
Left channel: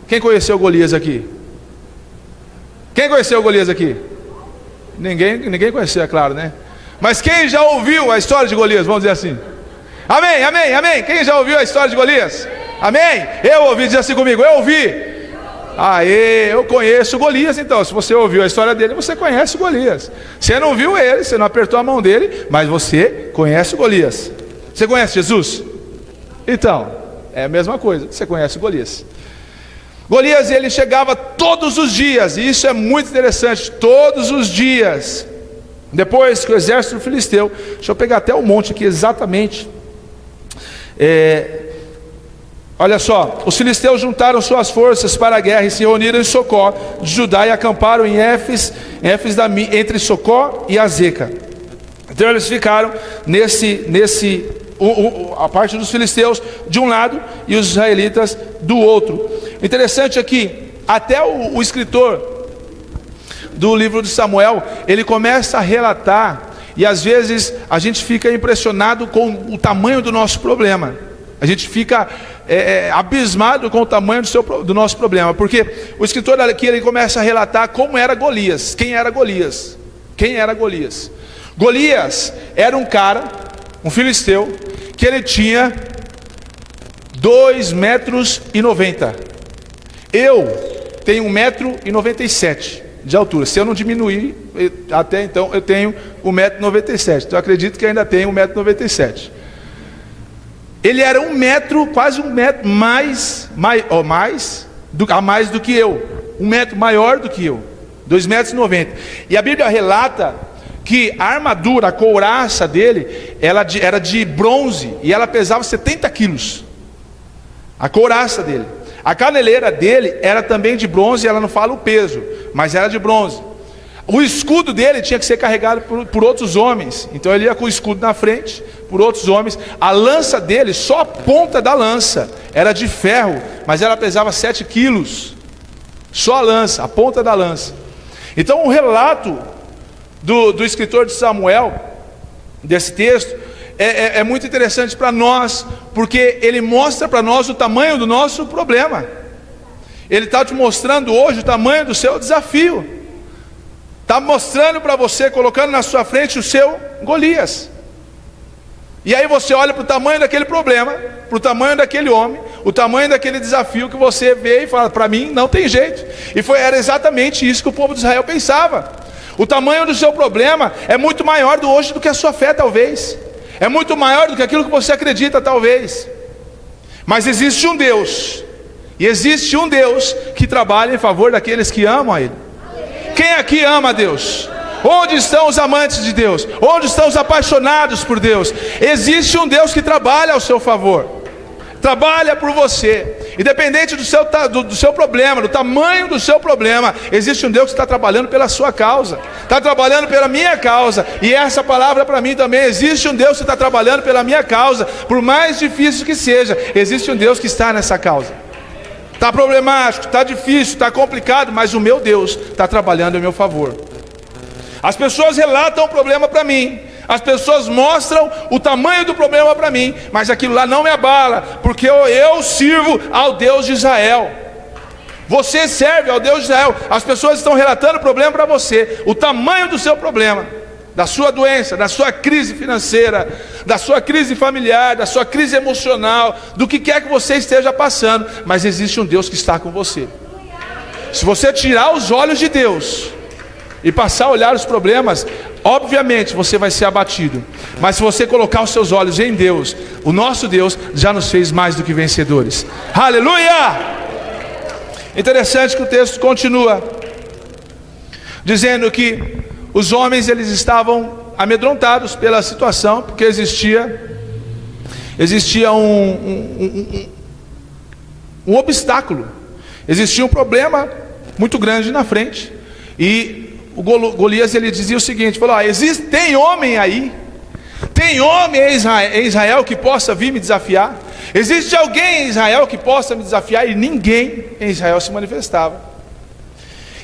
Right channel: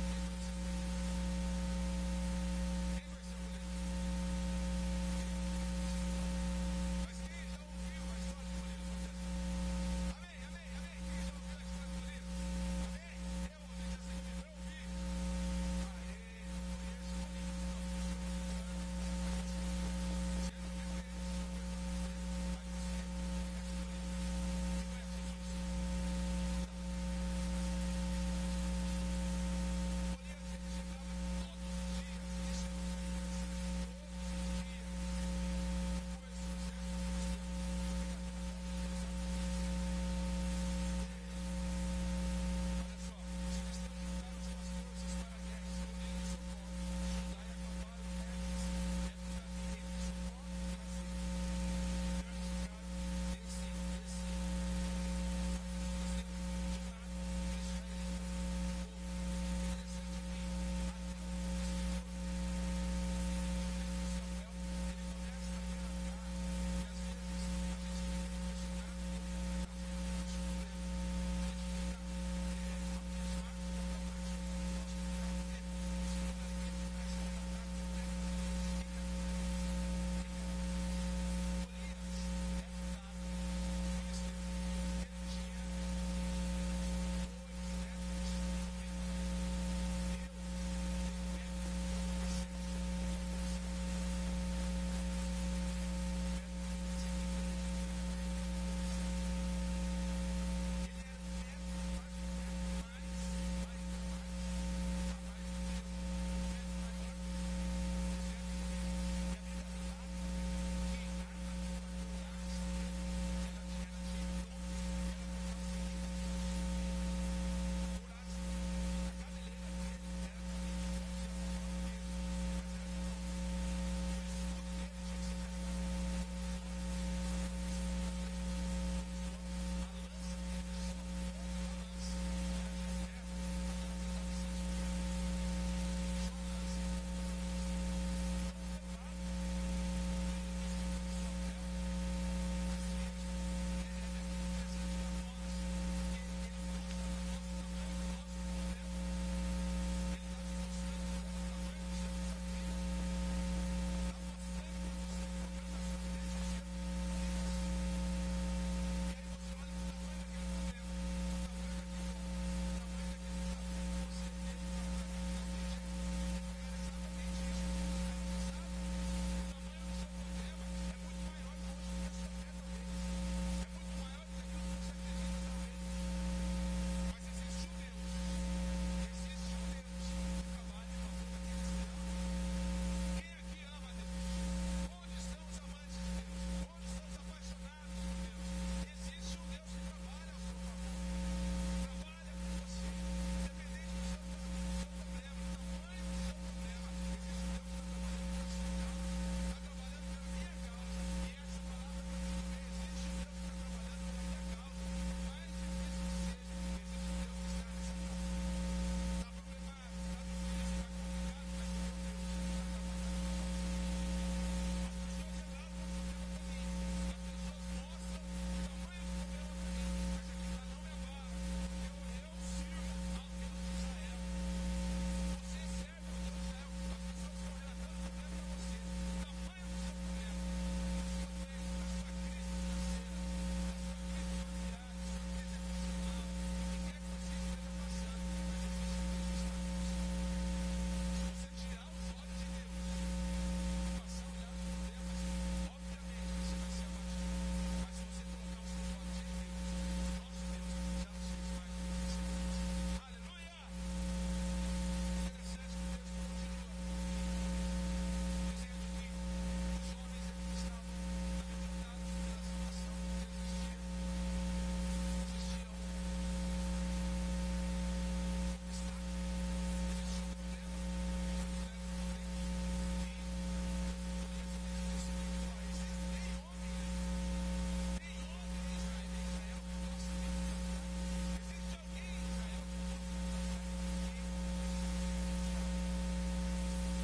Quem conheceu Golias aqui? Quem conheceu Golias aqui? Ninguém conhecia, é claro, né? Mas quem já ouviu a história de Golias? Vamos dizer assim. Amém, amém, amém. Quem já ouviu a história de Golias? Amém? Eu ouvi, diz assim comigo, eu ouvi. Aê, eu conheço Golias. Então, se você ouviu a história dele, você conhece Golias. Você não viu ele, você não apertou a mão dele, mas você conhece Golias. Você conhece Jesus? Então, é a mesma coisa, você conhece Golias. Golias, ele chegava todos os dias, e isso é muito interessante, todos os dias, depois que o exército filisteu, deixa eu pegar até o monte aqui exatamente, olha só, os filisteus juntaram suas forças para a guerra e se reuniram em Socó de Judá e acamparam em Éfes entre Socó e Azeca. Então eles ficaram a parte dos filisteus de um lado e os israelitas do outro. Interessante aqui, até o escritor do livro de Samuel, ele começa a relatar, e às vezes a gente fica impressionado com o tamanho do nosso problema. A gente fica abismado com o tamanho do nosso problema, porque o escritor aqui, ele começa a relatar como era Golias. Quem era Golias? Golias era um cara, um filisteu, que ele tinha 2,90 metros. Eu tenho 1,97 m de altura. Se eu não diminuir, até então eu tenho 1,97 m. Então eu acredito que ainda tenho 1,97 m. Ele era 1 metro, quase 1 metro a mais do que eu. 1 metro maior do que eu. 2,90 m. E a Bíblia relata que a armadura, a couraça dele, ela era de bronze, e ela pesava 70 quilos. A couraça dele. A caneleira dele era também de bronze, ela não fala o peso, mas era de bronze. O escudo dele tinha que ser carregado por outros homens, então ele ia com o escudo na frente, por outros homens. A lança dele, só a ponta da lança, era de ferro, mas ela pesava 7 quilos. Só a lança, a ponta da lança. Então o relato do escritor de Samuel, desse texto, é muito interessante para nós, porque ele mostra para nós o tamanho do nosso problema. Ele está te mostrando hoje o tamanho do seu desafio. Está mostrando para você, colocando na sua frente o seu Golias. E aí você olha para o tamanho daquele problema, para o tamanho daquele homem, o tamanho daquele desafio que você vê e fala, para mim não tem jeito. E era exatamente isso que o povo de Israel pensava. O tamanho do seu problema é muito maior hoje do que a sua fé talvez. É muito maior do que aquilo que você acredita talvez. Mas existe um Deus, e existe um Deus que trabalha em favor daqueles que amam a Ele. Quem aqui ama a Deus? Onde estão os amantes de Deus? Onde estão os apaixonados por Deus? Existe um Deus que trabalha ao seu favor, trabalha por você, independente do seu problema, do tamanho do seu problema. Existe um Deus que está trabalhando pela sua causa, está trabalhando pela minha causa. E essa palavra para mim também: existe um Deus que está trabalhando pela minha causa, por mais difícil que seja. Existe um Deus que está nessa causa. Está problemático, está difícil, está complicado, mas o meu Deus está trabalhando em meu favor. As pessoas relatam o problema para mim, as pessoas mostram o tamanho do problema para mim, mas aquilo lá não me abala, porque eu sirvo ao Deus de Israel. Você serve ao Deus de Israel. As pessoas estão relatando o problema para você, o tamanho do seu problema, da sua doença, da sua crise financeira, da sua crise familiar, da sua crise emocional, do que quer que você esteja passando. Mas existe um Deus que está com você. Se você tirar os olhos de Deus e passar a olhar os problemas, obviamente você vai ser abatido. Mas se você colocar os seus olhos em Deus, o nosso Deus já nos fez mais do que vencedores. Aleluia! Interessante que o texto continua dizendo que os homens, eles estavam amedrontados pela situação, porque existia um obstáculo, existia um problema muito grande na frente. E o Golias, ele dizia o seguinte, falou: tem homem aí, tem homem em Israel que possa vir me desafiar? Existe alguém em Israel que possa me desafiar? E ninguém em Israel se manifestava.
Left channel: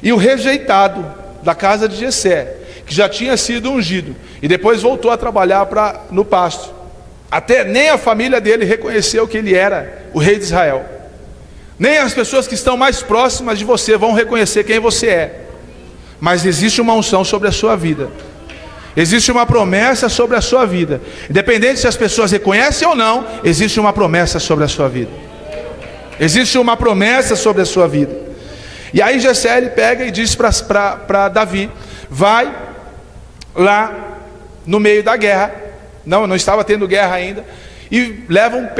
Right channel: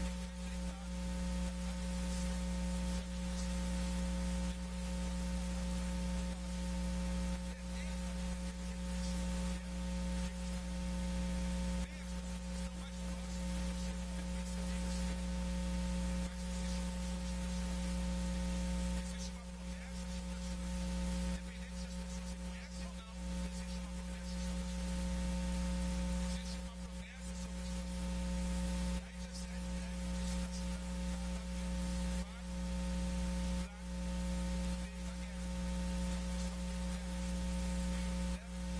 E o rejeitado da casa de Jessé, que já tinha sido ungido e depois voltou a trabalhar no pasto, até nem a família dele reconheceu que ele era o rei de Israel. Nem as pessoas que estão mais próximas de você vão reconhecer quem você é. Mas existe uma unção sobre a sua vida, existe uma promessa sobre a sua vida. Independente se as pessoas reconhecem ou não, existe uma promessa sobre a sua vida. Existe uma promessa sobre a sua vida. E aí Jessé, ele pega e diz para Davi: vai lá no meio da guerra. Não estava tendo guerra ainda. E leva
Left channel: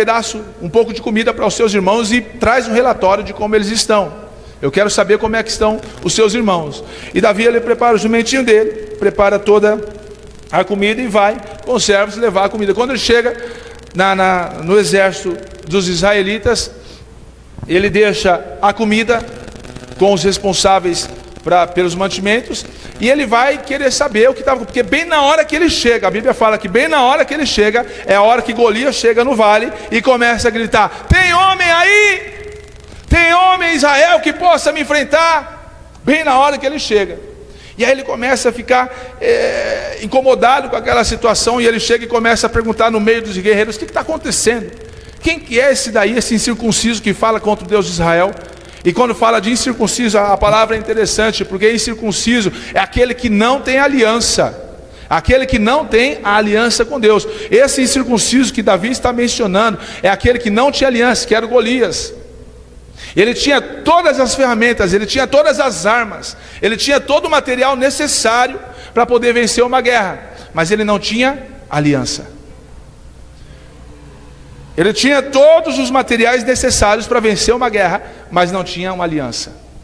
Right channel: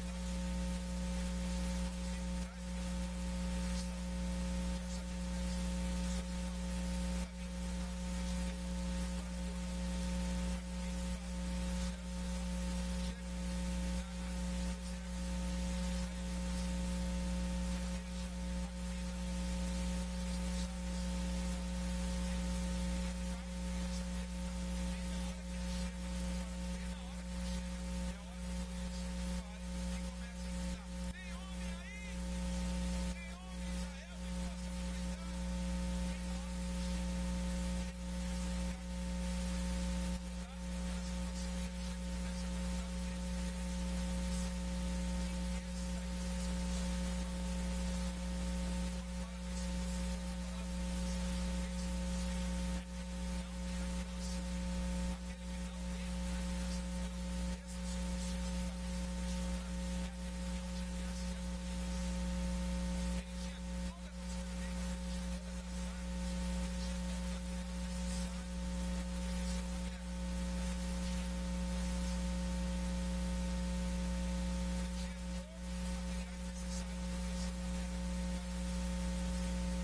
um pouco de comida para os seus irmãos e traz um relatório de como eles estão. Eu quero saber como é que estão os seus irmãos. E Davi, ele prepara o jumentinho dele, prepara toda a comida e vai com os servos levar a comida. Quando ele chega no exército dos israelitas, ele deixa a comida com os responsáveis pelos mantimentos, e ele vai querer saber o que estava, porque bem na hora que ele chega, a Bíblia fala que bem na hora que ele chega, é a hora que Golias chega no vale e começa a gritar: tem homem aí? Tem homem em Israel que possa me enfrentar? Bem na hora que ele chega. E aí ele começa a ficar incomodado com aquela situação, e ele chega e começa a perguntar no meio dos guerreiros: o que está acontecendo? Quem que é esse daí, esse incircunciso que fala contra o Deus de Israel? E quando fala de incircunciso, a palavra é interessante, porque incircunciso é aquele que não tem aliança, aquele que não tem a aliança com Deus. Esse incircunciso que Davi está mencionando é aquele que não tinha aliança, que era o Golias. Ele tinha todas as ferramentas, ele tinha todas as armas, ele tinha todo o material necessário para poder vencer uma guerra, mas ele não tinha aliança. Ele tinha todos os materiais necessários para vencer uma guerra, mas não tinha uma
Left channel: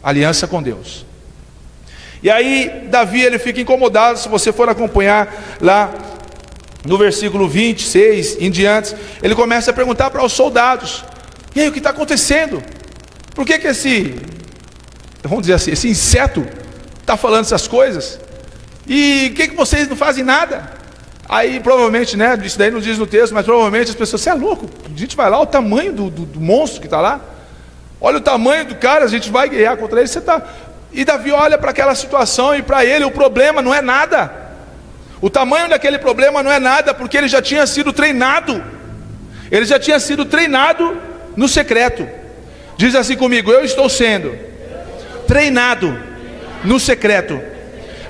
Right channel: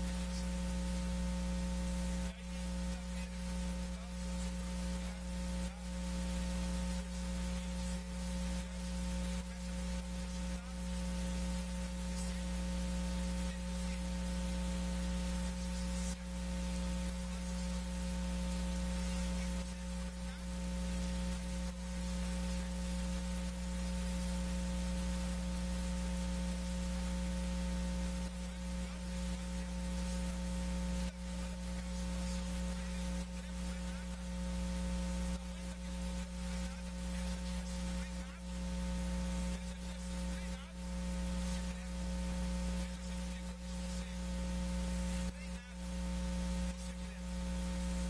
aliança com Deus. E aí Davi, ele fica incomodado. Se você for acompanhar lá no versículo 26 em diante, ele começa a perguntar para os soldados: e aí, o que está acontecendo? Por que vamos dizer assim, esse inseto está falando essas coisas? E o que vocês não fazem nada? Aí provavelmente, isso daí não diz no texto, mas provavelmente as pessoas: você é louco? A gente vai lá, o tamanho do monstro que está lá, olha o tamanho do cara, a gente vai guerrear contra ele. E Davi olha para aquela situação, e para ele o problema não é nada. O tamanho daquele problema não é nada, porque ele já tinha sido treinado. Ele já tinha sido treinado no secreto. Diz assim comigo: eu estou sendo treinado no secreto.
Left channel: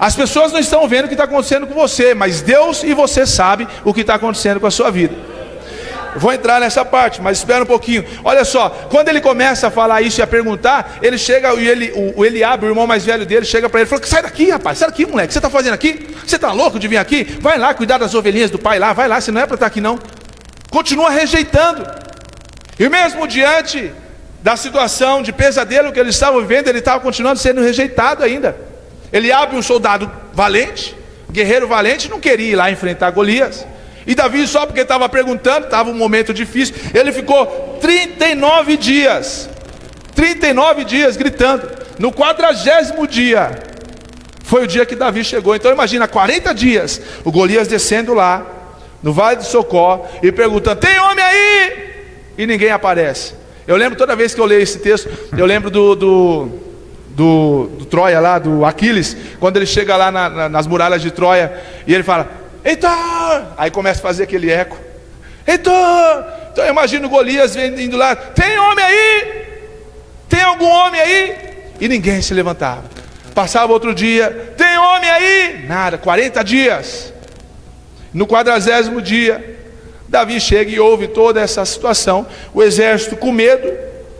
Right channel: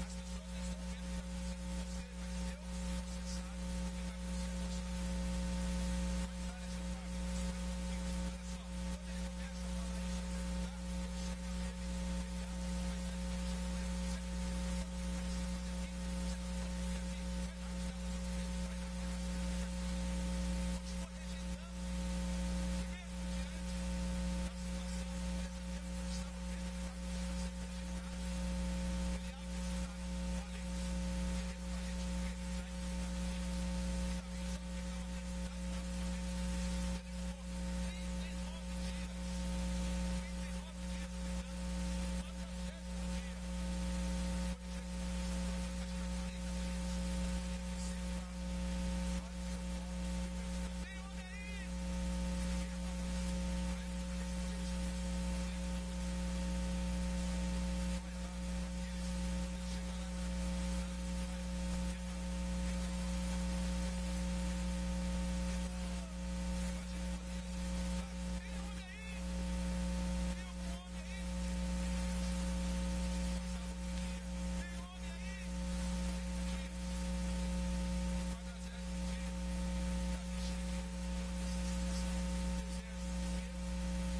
As pessoas não estão vendo o que está acontecendo com você, mas Deus e você sabem o que está acontecendo com a sua vida. Vou entrar nessa parte, mas espera um pouquinho. Olha só, quando ele começa a falar isso e a perguntar, ele chega e o Eliabe, o irmão mais velho dele, chega para ele e fala: sai daqui, rapaz, sai daqui, moleque, o que você está fazendo aqui? Você está louco de vir aqui? Vai lá cuidar das ovelhinhas do pai lá, vai lá, você não é para estar aqui não. Continua rejeitando. E mesmo diante da situação de pesadelo que eles estavam vivendo, ele estava continuando sendo rejeitado ainda. Eliabe, um soldado valente, guerreiro valente, não queria ir lá enfrentar Golias. E Davi, só porque estava perguntando, estava um momento difícil, ele ficou 39 dias gritando. No 40º dia foi o dia que Davi chegou. Então imagina, 40 dias o Golias descendo lá no Vale de Socó e perguntando: tem homem aí? E ninguém aparece. Eu lembro, toda vez que eu leio esse texto, eu lembro do Troia lá, do Aquiles, quando ele chega lá nas muralhas de Troia e ele fala: Heitor! Aí começa a fazer aquele eco: Heitor! Então eu imagino Golias indo lá: tem homem aí? Tem algum homem aí? E ninguém se levantava. Passava outro dia: tem homem aí? Nada. 40 dias. No 40º dia, Davi chega e ouve toda essa situação. O exército com medo,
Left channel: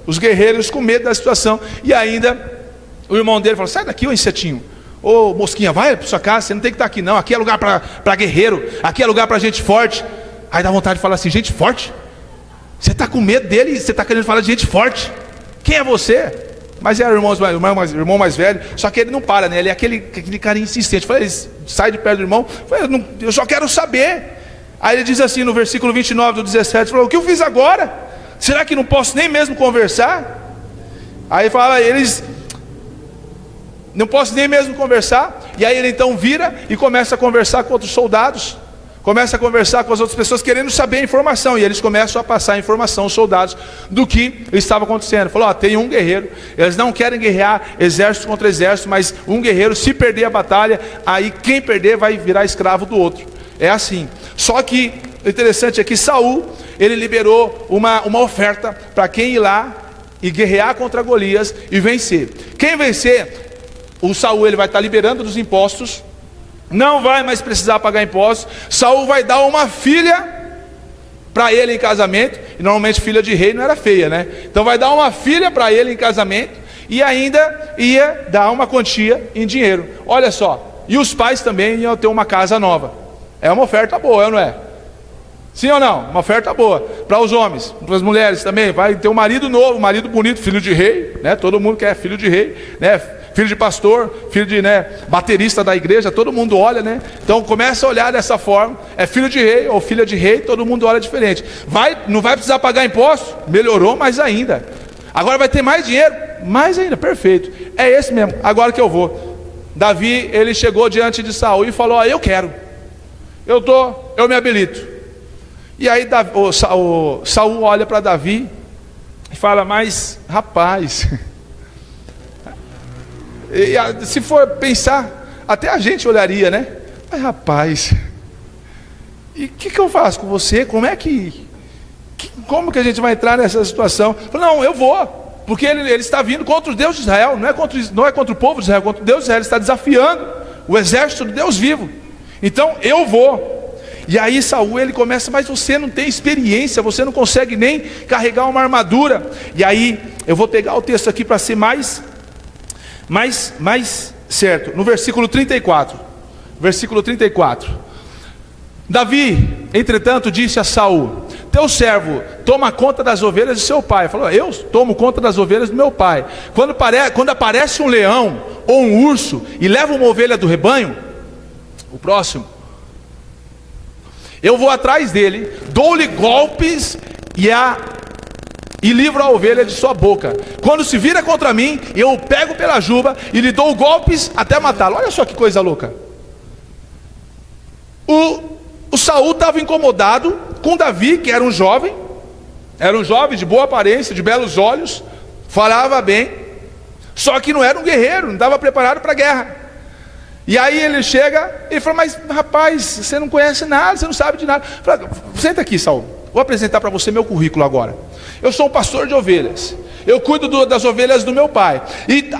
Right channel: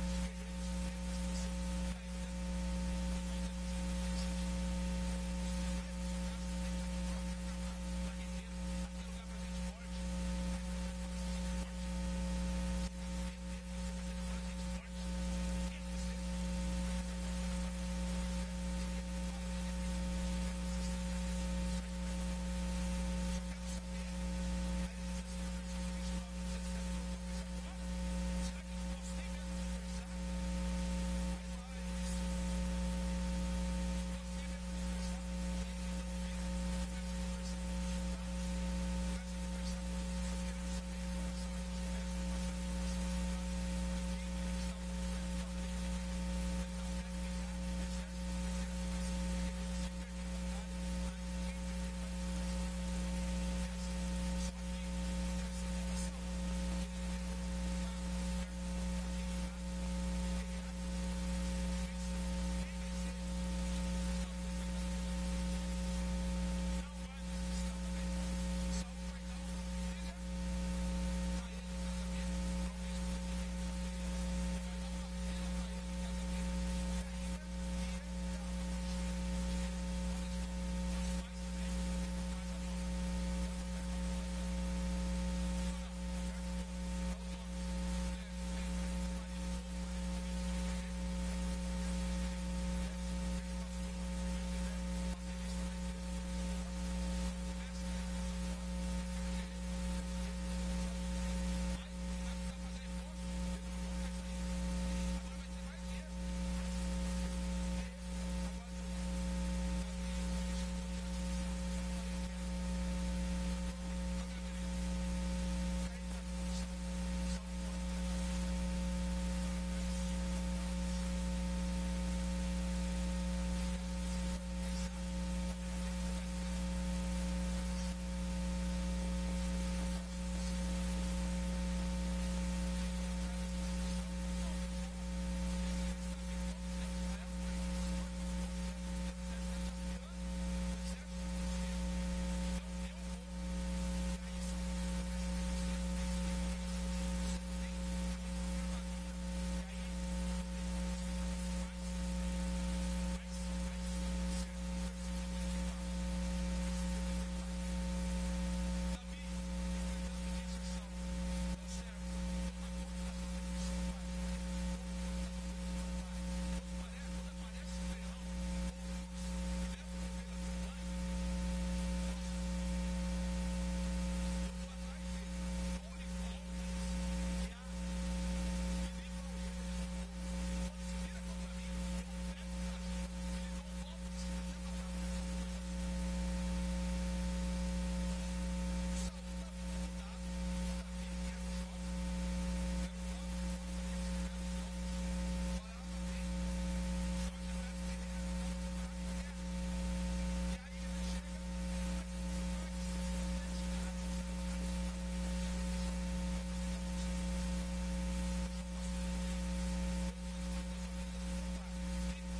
os guerreiros com medo da situação. E ainda o irmão dele falou: sai daqui, ô insetinho, ô mosquinha, vai para sua casa, você não tem que estar aqui não. Aqui é lugar para guerreiro, aqui é lugar para gente forte. Aí dá vontade de falar assim: gente forte? Você está com medo dele e você está querendo falar de gente forte? Quem é você? Mas era o irmão mais velho, só que ele não para, né? Ele é aquele cara insistente. Falei: sai de perto do irmão. Falei: eu só quero saber. Aí ele diz assim no versículo 29 do 17, falou: o que eu fiz agora? Será que não posso nem mesmo conversar? Aí fala eles: não posso nem mesmo conversar. E aí ele então vira e começa a conversar com outros soldados, começa a conversar com as outras pessoas, querendo saber a informação. E eles começam a passar a informação aos soldados do que estava acontecendo. Falou: ó, tem um guerreiro, eles não querem guerrear exército contra exército, mas um guerreiro, se perder a batalha, aí quem perder vai virar escravo do outro. É assim. Só que o interessante é que Saul, ele liberou uma oferta para quem ir lá e guerrear contra Golias e vencer. Quem vencer, o Saul, ele vai estar liberando dos impostos, não vai mais precisar pagar impostos. Saul vai dar uma filha para ele em casamento, e normalmente filha de rei não era feia, né? Então vai dar uma filha para ele em casamento, e ainda ia dar uma quantia em dinheiro. Olha só, e os pais também iam ter uma casa nova. É uma oferta boa, não é? Sim ou não? Uma oferta boa. Para os homens, para as mulheres também. Vai ter um marido novo, um marido bonito, filho de rei, né? Todo mundo quer filho de rei, né? Filho de pastor, filho de, né, baterista da igreja, todo mundo olha, né? Então começa a olhar dessa forma. É filho de rei ou filha de rei, todo mundo olha diferente. Não vai precisar pagar imposto? Melhorou mais ainda. Agora vai ter mais dinheiro? Mais ainda, perfeito. É esse mesmo, agora que eu vou. Davi, ele chegou diante de Saul e falou: ó, eu quero. Eu me habilito. E aí Saul olha para Davi e fala: mas rapaz, se for pensar, até a gente olharia, né? Mas rapaz, e o que eu faço com você? Como que a gente vai entrar nessa situação? Não, eu vou, porque ele está vindo contra o Deus de Israel, não é contra o povo de Israel, contra o Deus de Israel. Ele está desafiando o exército do Deus vivo. Então eu vou. E aí Saul, ele começa: mas você não tem experiência, você não consegue nem carregar uma armadura. E aí eu vou pegar o texto aqui para ser mais certo. No versículo 34. Davi, entretanto, disse a Saul: teu servo toma conta das ovelhas de seu pai. Falou: eu tomo conta das ovelhas do meu pai. Quando aparece um leão ou um urso e leva uma ovelha do rebanho, o próximo, eu vou atrás dele, dou-lhe golpes e livro a ovelha de sua boca. Quando se vira contra mim, eu o pego pela juba e lhe dou golpes até matá-lo. Olha só que coisa louca. O Saul estava incomodado com Davi, que era um jovem de boa aparência, de belos olhos, falava bem, só que não era um guerreiro, não estava preparado para a guerra. E aí ele chega e fala: mas rapaz, você não conhece nada, você não sabe de nada. Fala: senta aqui, Saul, Vou apresentar para você meu currículo agora. Eu sou um pastor de ovelhas. Eu cuido das ovelhas do meu pai. E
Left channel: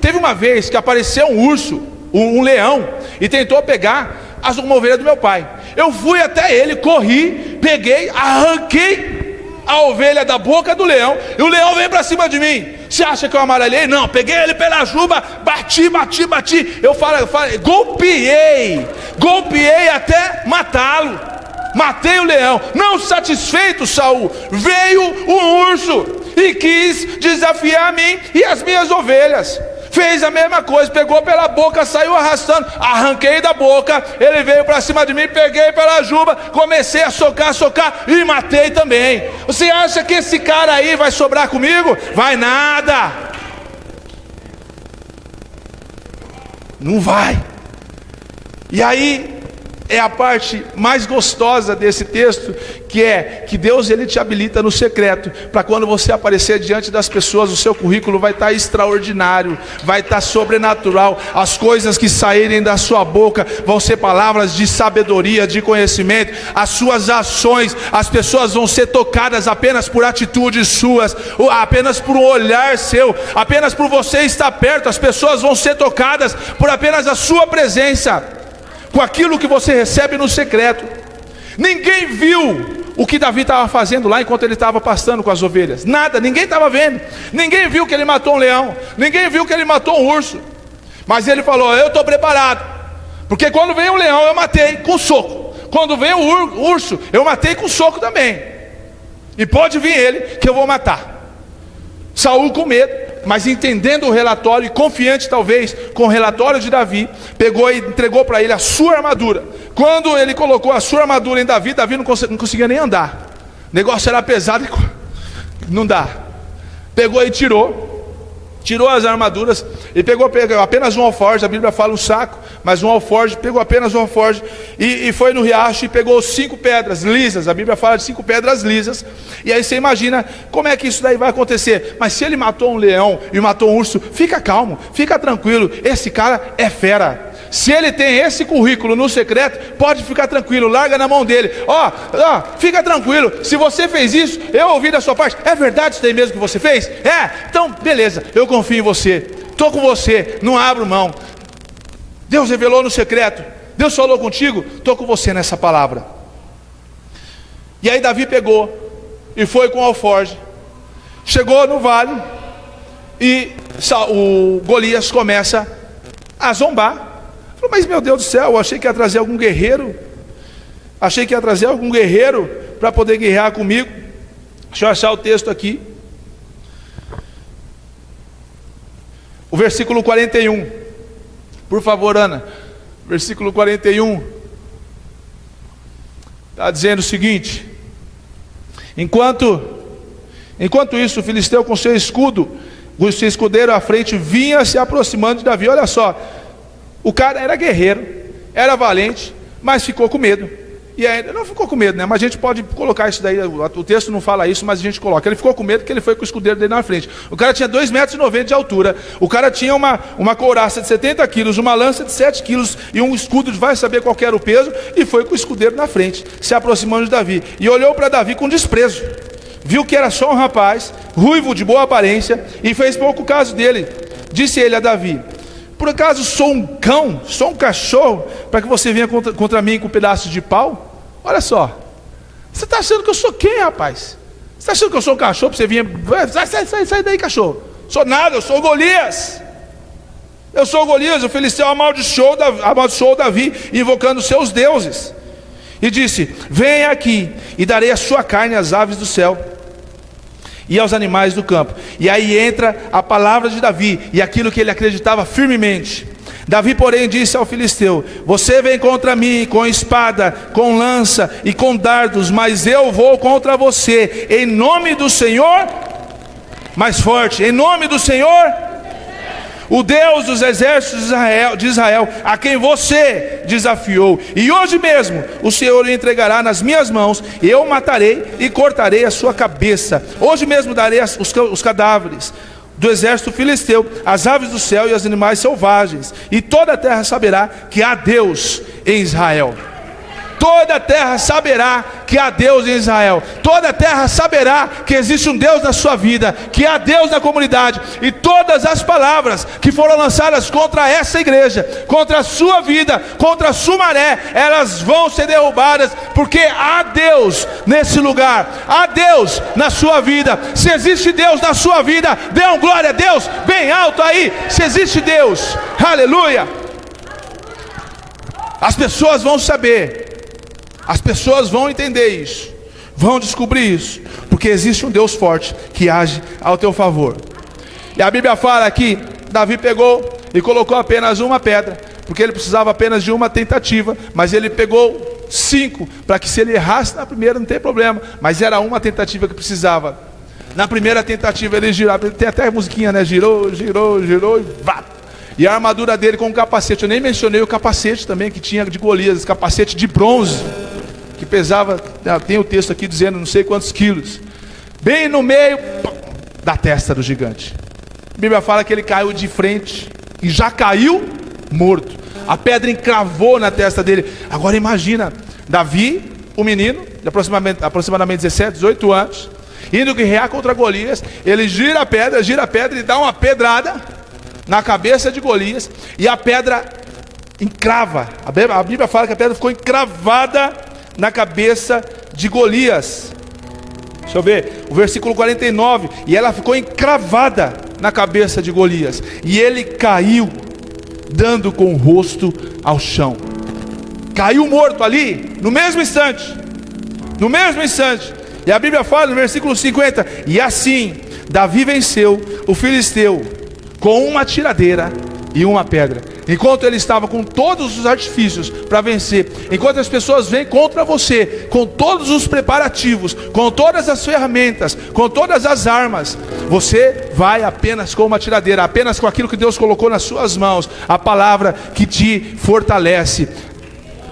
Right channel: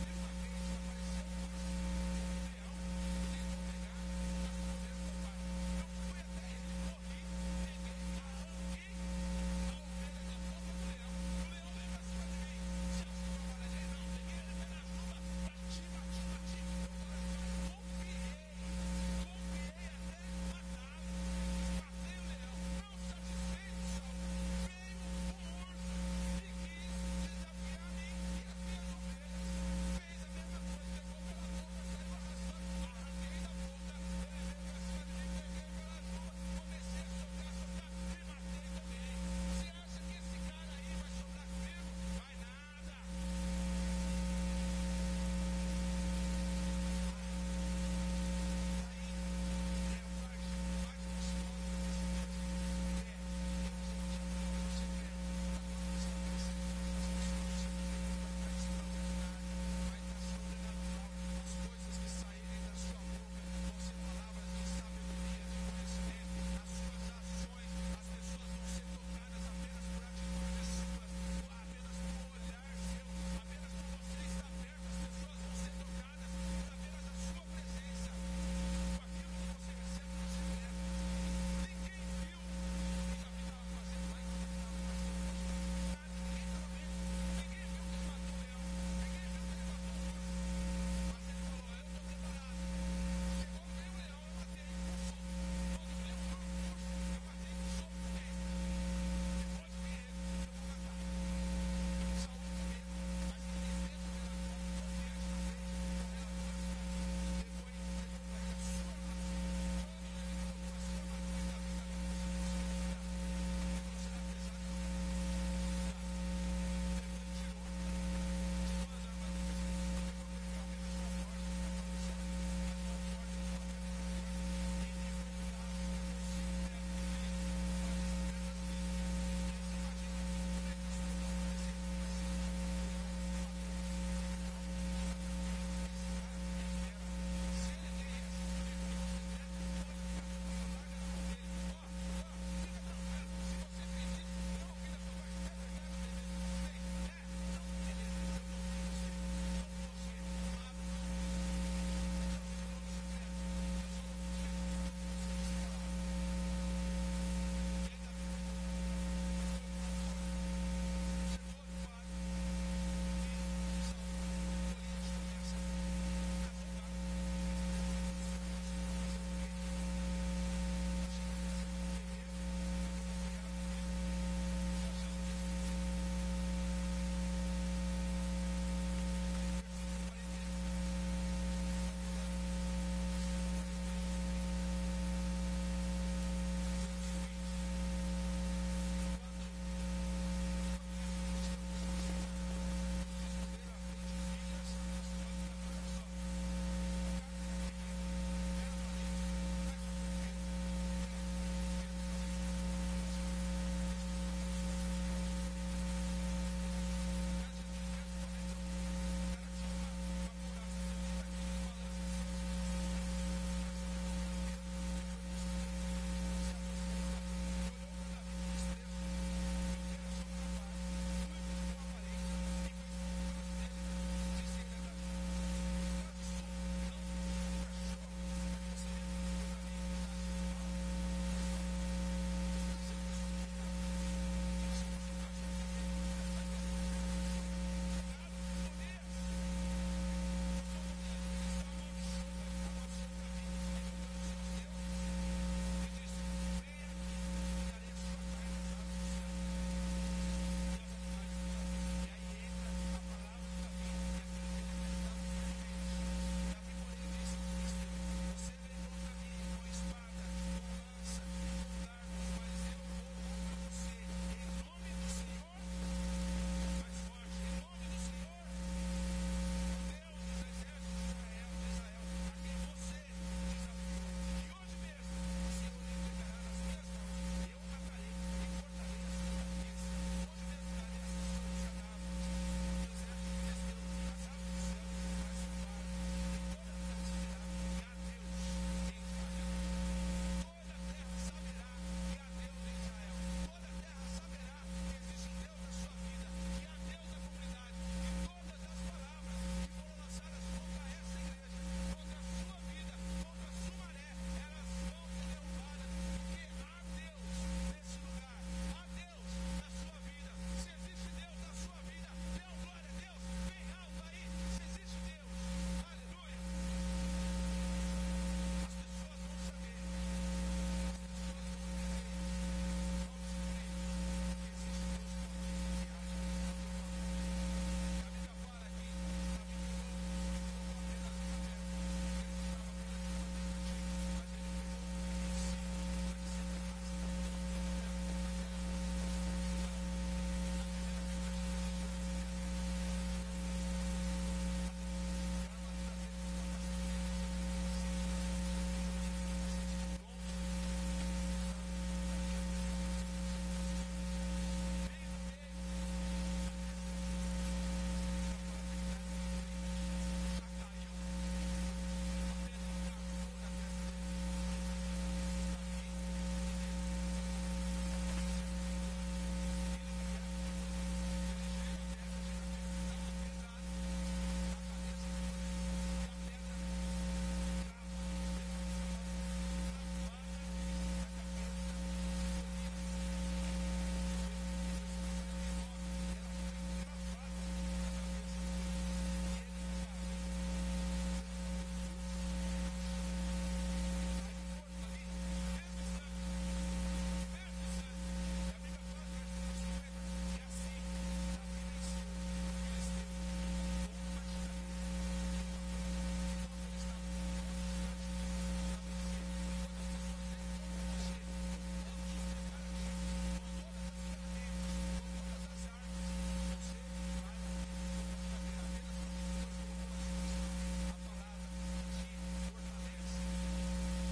teve uma vez que apareceu um urso, um leão, e tentou pegar uma ovelha do meu pai. Eu fui até ele, corri, peguei, arranquei a ovelha da boca do leão, e o leão veio para cima de mim. Você acha que eu amarelei? Não, peguei ele pela juba, bati. Eu falei, golpeei até matá-lo. Matei o leão. Não satisfeito, Saul, veio o urso e quis desafiar a mim e as minhas ovelhas. Fez a mesma coisa, pegou pela boca, saiu arrastando, arranquei da boca, ele veio para cima de mim, peguei pela juba, comecei a socar e matei também. Você acha que esse cara aí vai sobrar comigo? Vai nada. Não vai. E aí é a parte mais gostosa desse texto, que é que Deus, ele te habilita no secreto, para quando você aparecer diante das pessoas, o seu currículo vai estar extraordinário, vai estar sobrenatural. As coisas que saírem da sua boca vão ser palavras de sabedoria, de conhecimento. As suas ações, as pessoas vão ser tocadas apenas por atitudes suas, apenas por um olhar seu, apenas por você estar perto. As pessoas vão ser tocadas por apenas a sua presença, com aquilo que você recebe no secreto. Ninguém viu o que Davi estava fazendo lá enquanto ele estava pastando com as ovelhas. Nada, ninguém estava vendo. Ninguém viu que ele matou um leão, ninguém viu que ele matou um urso. Mas ele falou: eu estou preparado, porque quando veio o leão eu matei com soco, quando veio o urso eu matei com soco também, e pode vir ele que eu vou matar. Saul, com medo, mas entendendo o relatório e confiante talvez com o relatório de Davi, pegou e entregou para ele a sua armadura. Quando ele colocou a sua armadura em Davi, Davi não conseguia nem andar. O negócio era pesado e não dá. Pegou e tirou as armaduras e pegou apenas um alforje. A Bíblia fala um saco, mas um alforje, pegou apenas um alforje e foi no riacho e pegou 5 pedras lisas. A Bíblia fala de 5 pedras lisas. E aí você imagina como é que isso daí vai acontecer. Mas se ele matou um leão e matou um urso, fica calmo, fica tranquilo, esse cara é fera. Se ele tem esse currículo no secreto, pode ficar tranquilo, larga na mão dele. Fica tranquilo, se você fez isso, eu ouvi da sua parte. É verdade isso daí mesmo que você fez? É, então beleza, eu confio em você, estou com você, não abro mão. Deus revelou no secreto, Deus falou contigo, estou com você nessa palavra. E aí Davi pegou e foi com o alforje, chegou no vale, e o Golias começa a zombar. Falou: mas meu Deus do céu, eu achei que ia trazer algum guerreiro, para poder guerrear comigo. Deixa eu achar o texto aqui, o versículo 41, por favor, Ana. Versículo 41 está dizendo o seguinte: enquanto isso, o filisteu com seu escudo, o seu escudeiro à frente, vinha se aproximando de Davi. Olha só, o cara era guerreiro, era valente, mas ficou com medo. E aí, não ficou com medo, né? Mas a gente pode colocar isso daí, o texto não fala isso, mas a gente coloca. Ele ficou com medo porque ele foi com o escudeiro dele na frente. O cara tinha 2,90 metros de altura, o cara tinha uma couraça de 70 quilos, uma lança de 7 quilos e um escudo de vai saber qual era o peso, e foi com o escudeiro na frente, se aproximando de Davi. E olhou para Davi com desprezo, viu que era só um rapaz, ruivo, de boa aparência, e fez pouco caso dele. Disse ele a Davi: por acaso sou um cão, sou um cachorro, para que você venha contra mim com um pedaço de pau? Olha só, você está achando que eu sou quem, rapaz? Você está achando que eu sou um cachorro para você vir? Sai daí, cachorro. Sou nada, eu sou Golias. Eu sou o Golias. O filisteu amaldiçoou Davi, invocando seus deuses, e disse: venha aqui e darei a sua carne às aves do céu e aos animais do campo. E aí entra a palavra de Davi e aquilo que ele acreditava firmemente. Davi, porém, disse ao filisteu: você vem contra mim com espada, com lança e com dardos, mas eu vou contra você em nome do Senhor, mais forte, em nome do Senhor, o Deus dos exércitos de Israel, a quem você desafiou. E hoje mesmo o Senhor o entregará nas minhas mãos, e eu o matarei e cortarei a sua cabeça. Hoje mesmo darei os cadáveres do exército filisteu, as aves do céu e os animais selvagens, e toda a terra saberá que há Deus em Israel. Toda a terra saberá que há Deus em Israel. Toda a terra saberá que existe um Deus na sua vida, que há Deus na comunidade. E todas as palavras que foram lançadas contra essa igreja, contra a sua vida, contra a Sumaré, elas vão ser derrubadas, porque há Deus nesse lugar, há Deus na sua vida. Se existe Deus na sua vida, dê um glória a Deus bem alto aí. Se existe Deus, aleluia. As pessoas vão saber, as pessoas vão entender isso, vão descobrir isso, porque existe um Deus forte que age ao teu favor. E a Bíblia fala que Davi pegou e colocou apenas uma pedra, porque ele precisava apenas de uma tentativa, mas ele pegou 5, para que se ele errasse na primeira não tem problema, mas era uma tentativa que precisava. Na primeira tentativa ele girava, tem até a musiquinha, né? Girou, girou, girou e vá. E a armadura dele com o capacete, eu nem mencionei o capacete também que tinha de Golias, capacete de bronze, que pesava, tem o texto aqui dizendo não sei quantos quilos, bem no meio da testa do gigante. A Bíblia fala que ele caiu de frente e já caiu morto. A pedra encravou na testa dele. Agora imagina, Davi, o menino, de aproximadamente 17, 18 anos, indo guerrear contra Golias. Ele gira a pedra e dá uma pedrada na cabeça de Golias, e a pedra encrava. A Bíblia fala que a pedra ficou encravada na cabeça de Golias. Deixa eu ver, o versículo 49, e ela ficou encravada na cabeça de Golias, e ele caiu, dando com o rosto ao chão. Caiu morto ali, no mesmo instante. No mesmo instante. E a Bíblia fala no versículo 50, e assim Davi venceu o filisteu com uma tiradeira e uma pedra. Enquanto ele estava com todos os artifícios para vencer, enquanto as pessoas vêm contra você, com todos os preparativos, com todas as ferramentas, com todas as armas, você vai apenas com uma tiradeira, apenas com aquilo que Deus colocou nas suas mãos, a palavra que te fortalece.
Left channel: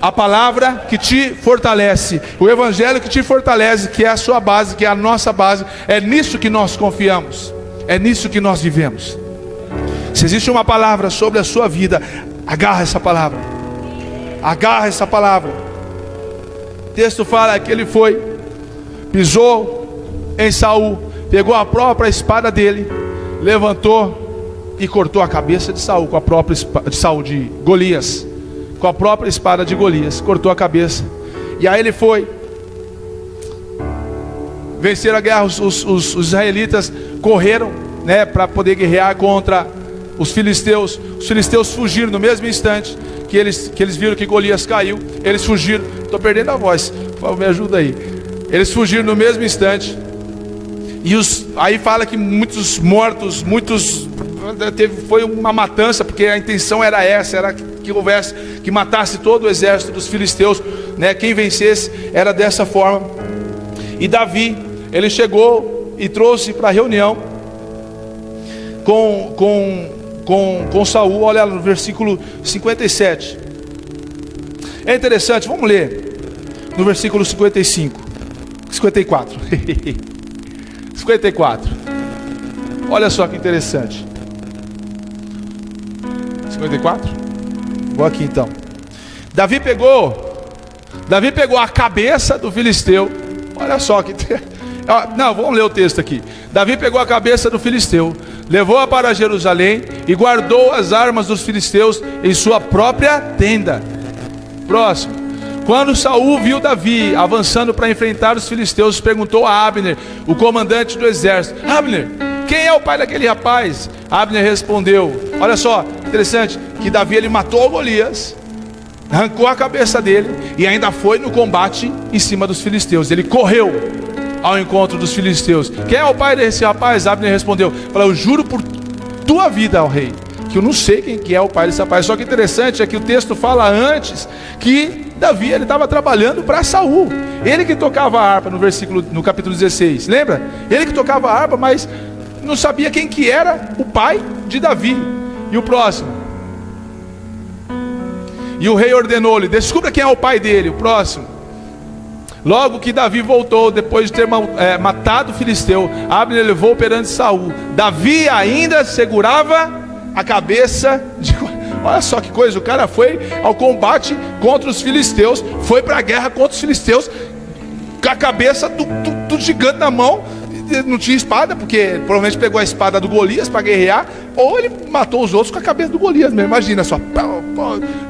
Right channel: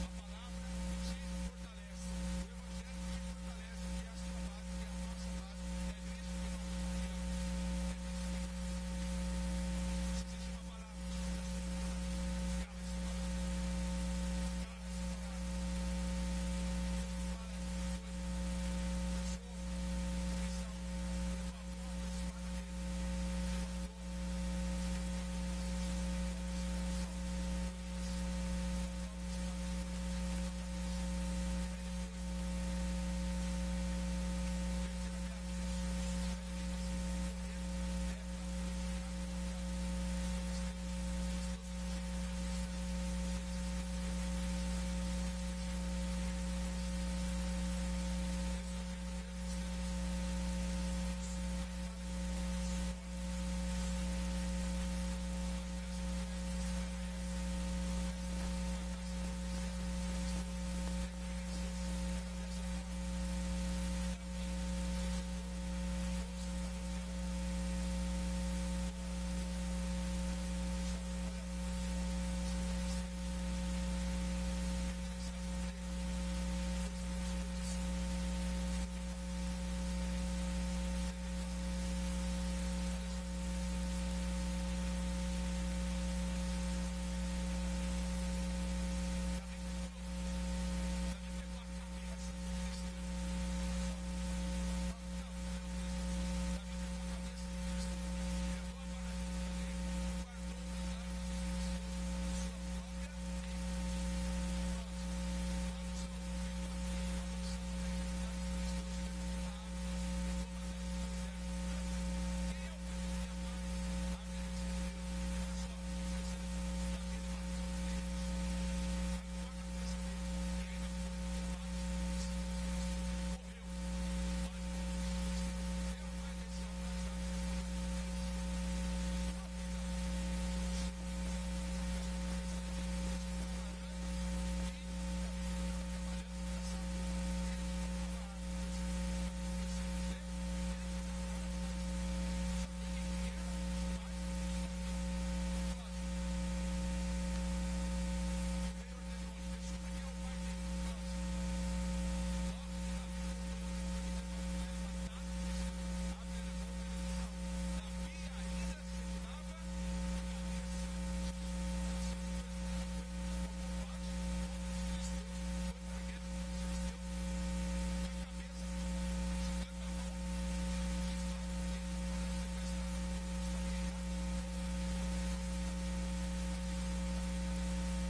A palavra que te fortalece, o evangelho que te fortalece, que é a sua base, que é a nossa base. É nisso que nós confiamos, é nisso que nós vivemos. Se existe uma palavra sobre a sua vida, agarra essa palavra. Agarra essa palavra. O texto fala que ele foi, pisou em Saul, pegou a própria espada dele, levantou e cortou a cabeça de Saul com a própria espada de Saul, de Golias, com a própria espada de Golias, cortou a cabeça. E aí ele foi vencer a guerra. Os israelitas correram, né, para poder guerrear contra os filisteus. Os filisteus fugiram no mesmo instante que eles viram que Golias caiu. Eles fugiram. Estou perdendo a voz, me ajuda aí. Eles fugiram no mesmo instante. E aí fala que muitos mortos, foi uma matança, porque a intenção era essa, era que matasse todo o exército dos filisteus, né? Quem vencesse era dessa forma. E Davi, ele chegou e trouxe para a reunião com Saul. Olha no versículo 57. É interessante, vamos ler no versículo 54. 54. Olha só que interessante. 54? Vou aqui então. Davi pegou a cabeça do filisteu. Olha só que não, vamos ler o texto aqui. Davi pegou a cabeça do filisteu, levou-a para Jerusalém e guardou as armas dos filisteus em sua própria tenda. Próximo. Quando Saul viu Davi avançando para enfrentar os filisteus, perguntou a Abner, o comandante do exército: Abner, quem é o pai daquele rapaz? Abner respondeu, olha só, interessante, que Davi ele matou Golias, arrancou a cabeça dele e ainda foi no combate em cima dos filisteus. Ele correu ao encontro dos filisteus. Quem é o pai desse rapaz? Abner respondeu, falou: eu juro por tua vida, ó rei, que eu não sei quem que é o pai desse rapaz. Só que interessante é que o texto fala antes que Davi ele estava trabalhando para Saul. Ele que tocava a harpa no capítulo 16, lembra? Ele que tocava a harpa, mas não sabia quem que era o pai de Davi. E o próximo. E o rei ordenou-lhe: descubra quem é o pai dele. O próximo. Logo que Davi voltou, depois de ter matado o filisteu, Abner levou perante Saul. Davi ainda segurava a cabeça de... Olha só que coisa, o cara foi ao combate contra os filisteus, foi para a guerra contra os filisteus, com a cabeça do gigante na mão. Não tinha espada, porque provavelmente pegou a espada do Golias para guerrear, ou ele matou os outros com a cabeça do Golias mesmo. Imagina só,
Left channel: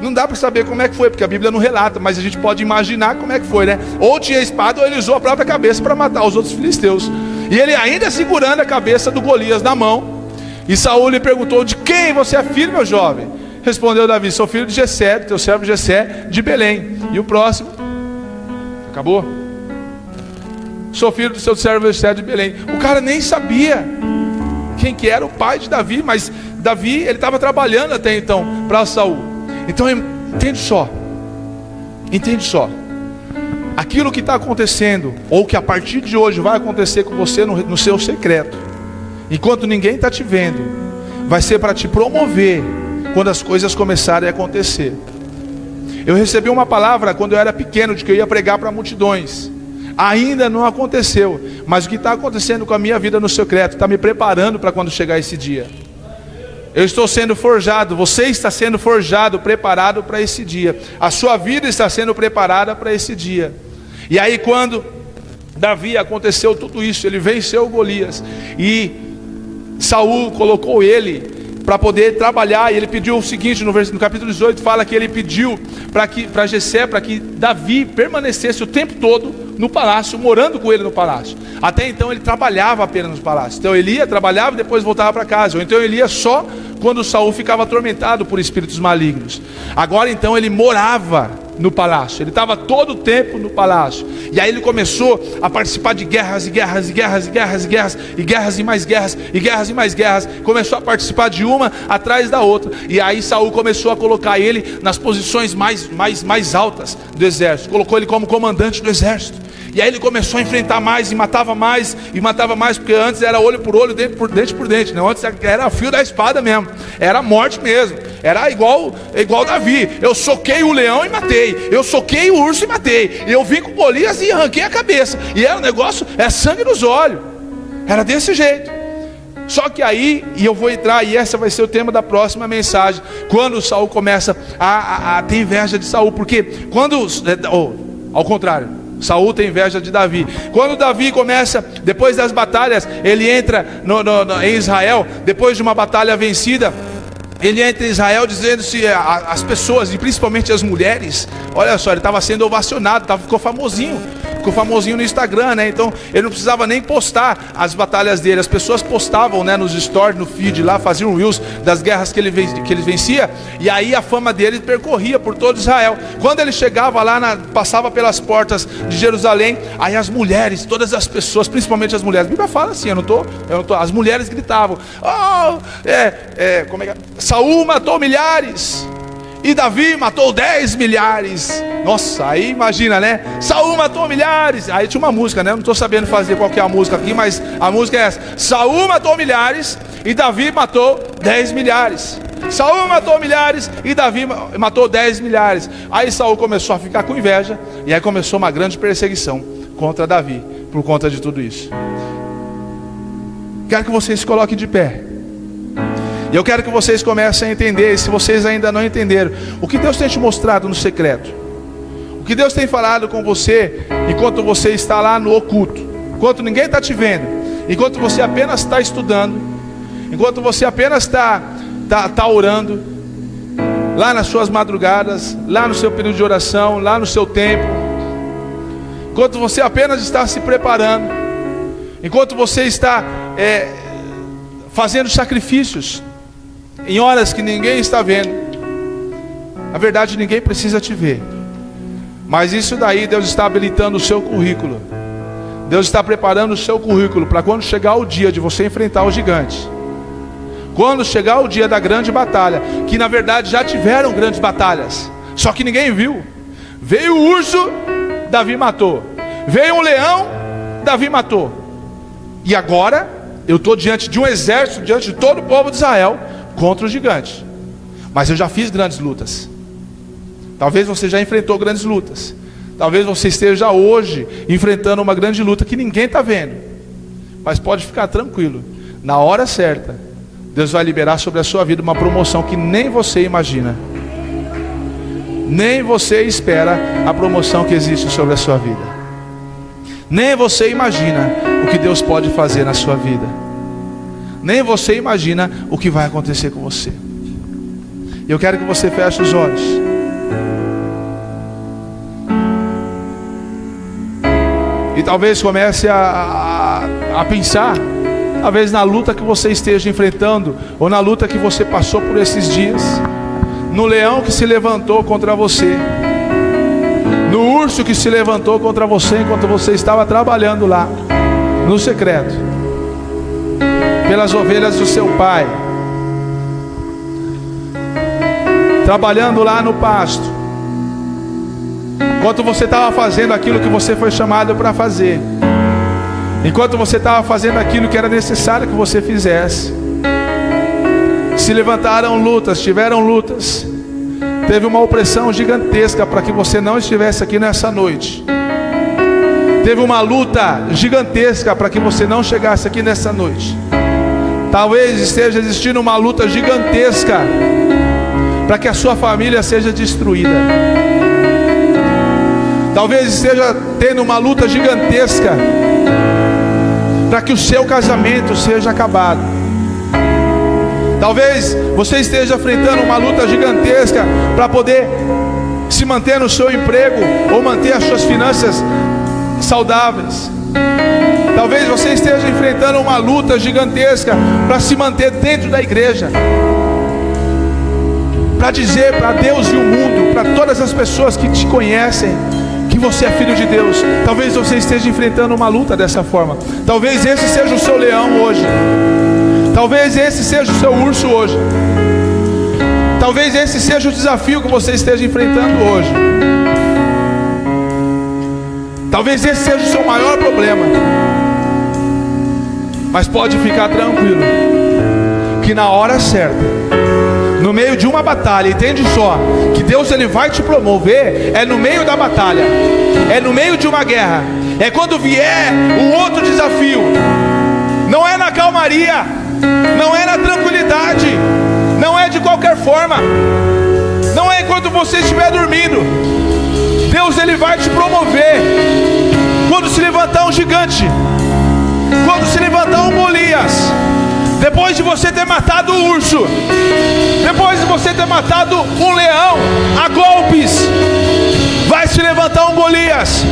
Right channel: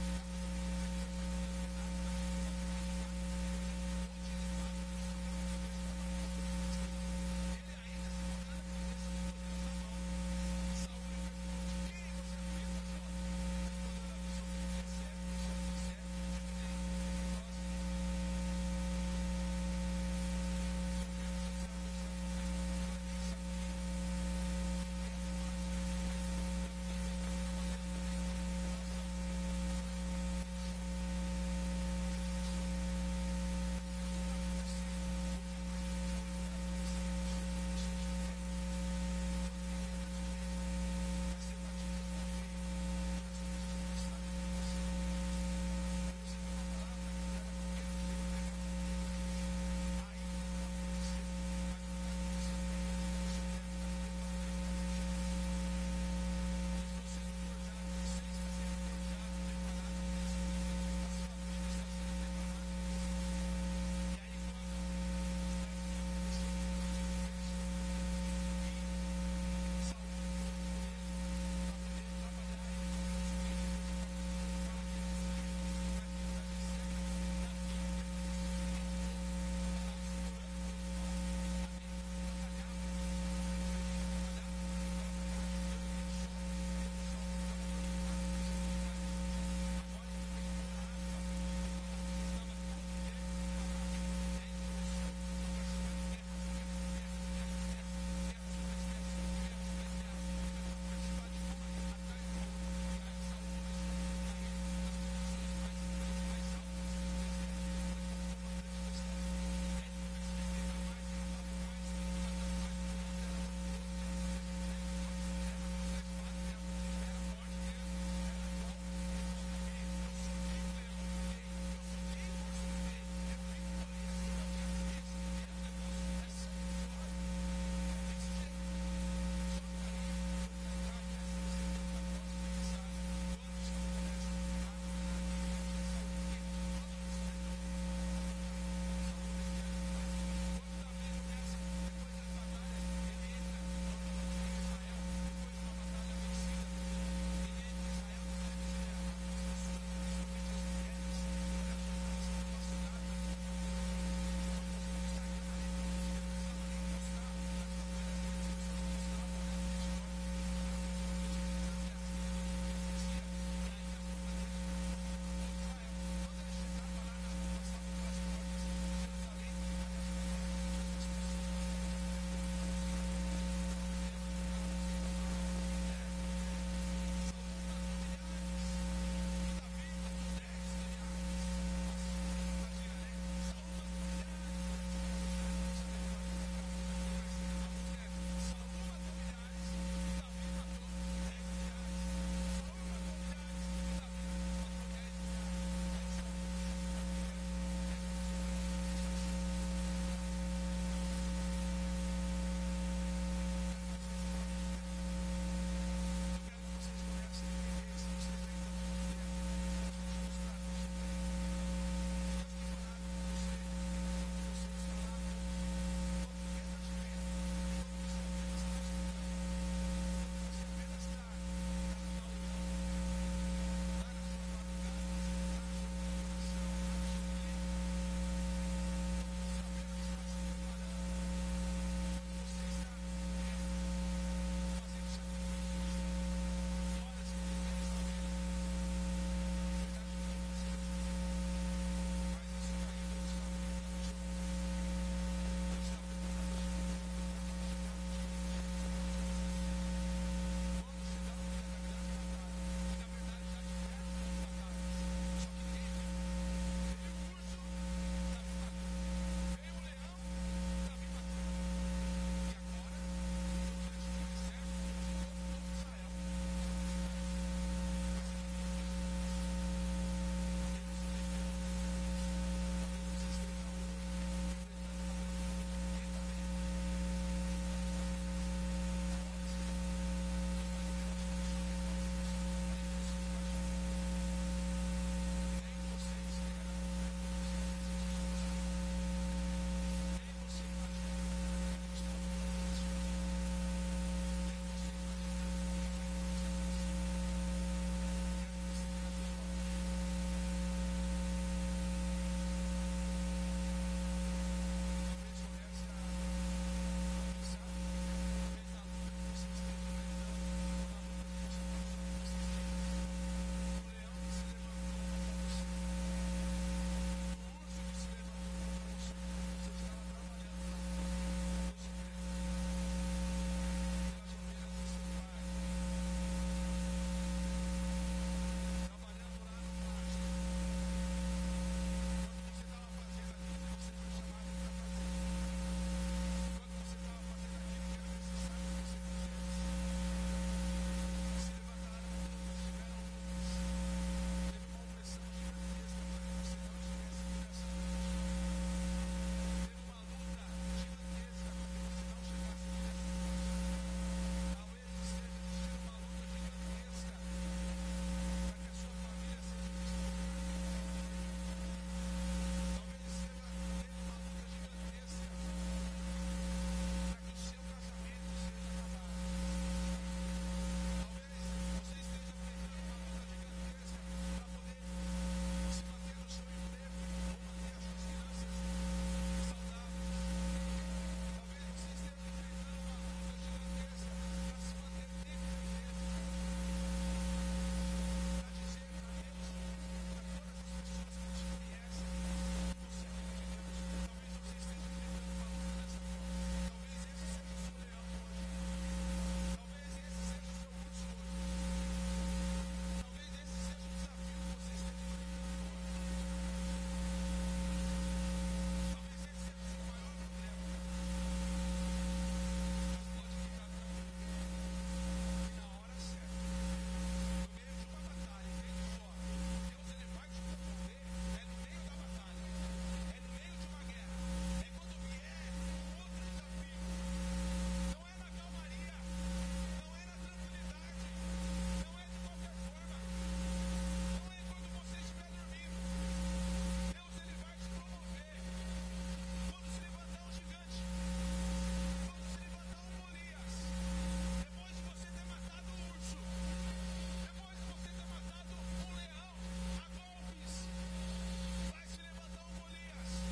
não dá para saber como é que foi, porque a Bíblia não relata, mas a gente pode imaginar como é que foi, né? Ou tinha espada, ou ele usou a própria cabeça para matar os outros filisteus, e ele ainda segurando a cabeça do Golias na mão. E Saul lhe perguntou: de quem você é filho, meu jovem? Respondeu Davi: sou filho de Jessé, teu servo Jessé de Belém. E o próximo? Acabou? Sou filho do seu servo Jessé de Belém. O cara nem sabia quem que era o pai de Davi, mas Davi, ele estava trabalhando até então para Saul. Então entende só, aquilo que está acontecendo, ou que a partir de hoje vai acontecer com você no seu secreto, enquanto ninguém está te vendo, vai ser para te promover quando as coisas começarem a acontecer. Eu recebi uma palavra quando eu era pequeno, de que eu ia pregar para multidões. Ainda não aconteceu, mas o que está acontecendo com a minha vida no secreto está me preparando para quando chegar esse dia. Eu estou sendo forjado, você está sendo forjado, preparado para esse dia. A sua vida está sendo preparada para esse dia. E aí, quando Davi aconteceu tudo isso, ele venceu Golias, e Saul colocou ele para poder trabalhar, e ele pediu o seguinte, no capítulo 18 fala que ele pediu para Jessé, para que Davi permanecesse o tempo todo no palácio, morando com ele no palácio. Até então ele trabalhava apenas no palácio. Então ele ia, trabalhava e depois voltava para casa. Ou então ele ia só quando Saul ficava atormentado por espíritos malignos. Agora então ele morava no palácio, ele estava todo o tempo no palácio. E aí ele começou a participar de guerras e guerras e guerras e guerras e guerras e guerras e mais guerras e guerras e mais guerras. Começou a participar de uma atrás da outra. E aí Saul começou a colocar ele nas posições mais altas do exército. Colocou ele como comandante do exército. E aí ele começou a enfrentar mais, e matava mais, porque antes era olho por olho, dente por dente, não? Antes era fio da espada mesmo, era morte mesmo, era igual Davi. Eu soquei o leão e matei, eu soquei o urso e matei, eu vim com Golias e arranquei a cabeça, e era um negócio, é sangue nos olhos, era desse jeito. Só que aí, e eu vou entrar, e essa vai ser o tema da próxima mensagem, quando Saul começa a ter inveja de Saul, porque quando, ao contrário, Saul tem inveja de Davi. Quando Davi começa, depois das batalhas, ele entra em Israel, depois de uma batalha vencida, ele entra em Israel dizendo-se as pessoas, e principalmente as mulheres, olha só, ele estava sendo ovacionado, ficou famosinho no Instagram, né? Então ele não precisava nem postar as batalhas dele, as pessoas postavam, né, nos stories, no feed lá, faziam reels das guerras que ele vencia, e aí a fama dele percorria por todo Israel. Quando ele chegava lá, passava pelas portas de Jerusalém, aí as mulheres, todas as pessoas, principalmente as mulheres, a Bíblia fala assim, eu não tô, as mulheres gritavam: como é que é? Saul matou milhares e Davi matou 10 milhares. Nossa, aí imagina, né? Saul matou milhares. Aí tinha uma música, né? Eu não estou sabendo fazer qual que é a música aqui, mas a música é essa: Saul matou milhares e Davi matou 10 milhares. Saul matou milhares e Davi matou 10 milhares. Aí Saul começou a ficar com inveja, e aí começou uma grande perseguição contra Davi, por conta de tudo isso. Quero que vocês se coloquem de pé. E eu quero que vocês comecem a entender, se vocês ainda não entenderam, o que Deus tem te mostrado no secreto, o que Deus tem falado com você, enquanto você está lá no oculto, enquanto ninguém está te vendo, enquanto você apenas está estudando, enquanto você apenas está orando, lá nas suas madrugadas, lá no seu período de oração, lá no seu tempo, enquanto você apenas está se preparando, enquanto você está fazendo sacrifícios, em horas que ninguém está vendo. Na verdade, ninguém precisa te ver, mas isso daí Deus está habilitando o seu currículo. Deus está preparando o seu currículo para quando chegar o dia de você enfrentar o gigante, quando chegar o dia da grande batalha, que na verdade já tiveram grandes batalhas, só que ninguém viu. Veio o urso, Davi matou. Veio um leão, Davi matou. E agora eu estou diante de um exército, diante de todo o povo de Israel, contra o gigante. Mas eu já fiz grandes lutas. Talvez você já enfrentou grandes lutas. Talvez você esteja hoje enfrentando uma grande luta que ninguém está vendo. Mas pode ficar tranquilo, na hora certa Deus vai liberar sobre a sua vida uma promoção que nem você imagina. Nem você espera a promoção que existe sobre a sua vida. Nem você imagina o que Deus pode fazer na sua vida. Nem você imagina o que vai acontecer com você. Eu quero que você feche os olhos. E talvez comece a pensar, talvez na luta que você esteja enfrentando, ou na luta que você passou por esses dias, no leão que se levantou contra você, no urso que se levantou contra você enquanto você estava trabalhando lá no secreto, pelas ovelhas do seu pai, trabalhando lá no pasto, enquanto você estava fazendo aquilo que você foi chamado para fazer, enquanto você estava fazendo aquilo que era necessário que você fizesse. Se levantaram lutas, tiveram lutas, teve uma opressão gigantesca para que você não estivesse aqui nessa noite. Teve uma luta gigantesca para que você não chegasse aqui nessa noite. Talvez esteja existindo uma luta gigantesca para que a sua família seja destruída. Talvez esteja tendo uma luta gigantesca para que o seu casamento seja acabado. Talvez você esteja enfrentando uma luta gigantesca para poder se manter no seu emprego ou manter as suas finanças saudáveis. Talvez você esteja enfrentando uma luta gigantesca para se manter dentro da igreja, para dizer para Deus e o mundo, para todas as pessoas que te conhecem, que você é filho de Deus. Talvez você esteja enfrentando uma luta dessa forma. Talvez esse seja o seu leão hoje. Talvez esse seja o seu urso hoje. Talvez esse seja o desafio que você esteja enfrentando hoje. Talvez esse seja o seu maior problema. Mas pode ficar tranquilo, que na hora certa, no meio de uma batalha, entende só, que Deus ele vai te promover, é no meio da batalha, é no meio de uma guerra, é quando vier um outro desafio. Não é na calmaria, não é na tranquilidade, não é de qualquer forma, não é enquanto você estiver dormindo. Deus ele vai te promover quando se levantar um gigante, quando se levantar um Golias. Depois de você ter matado o urso, depois de você ter matado um leão a golpes, vai se levantar um Golias.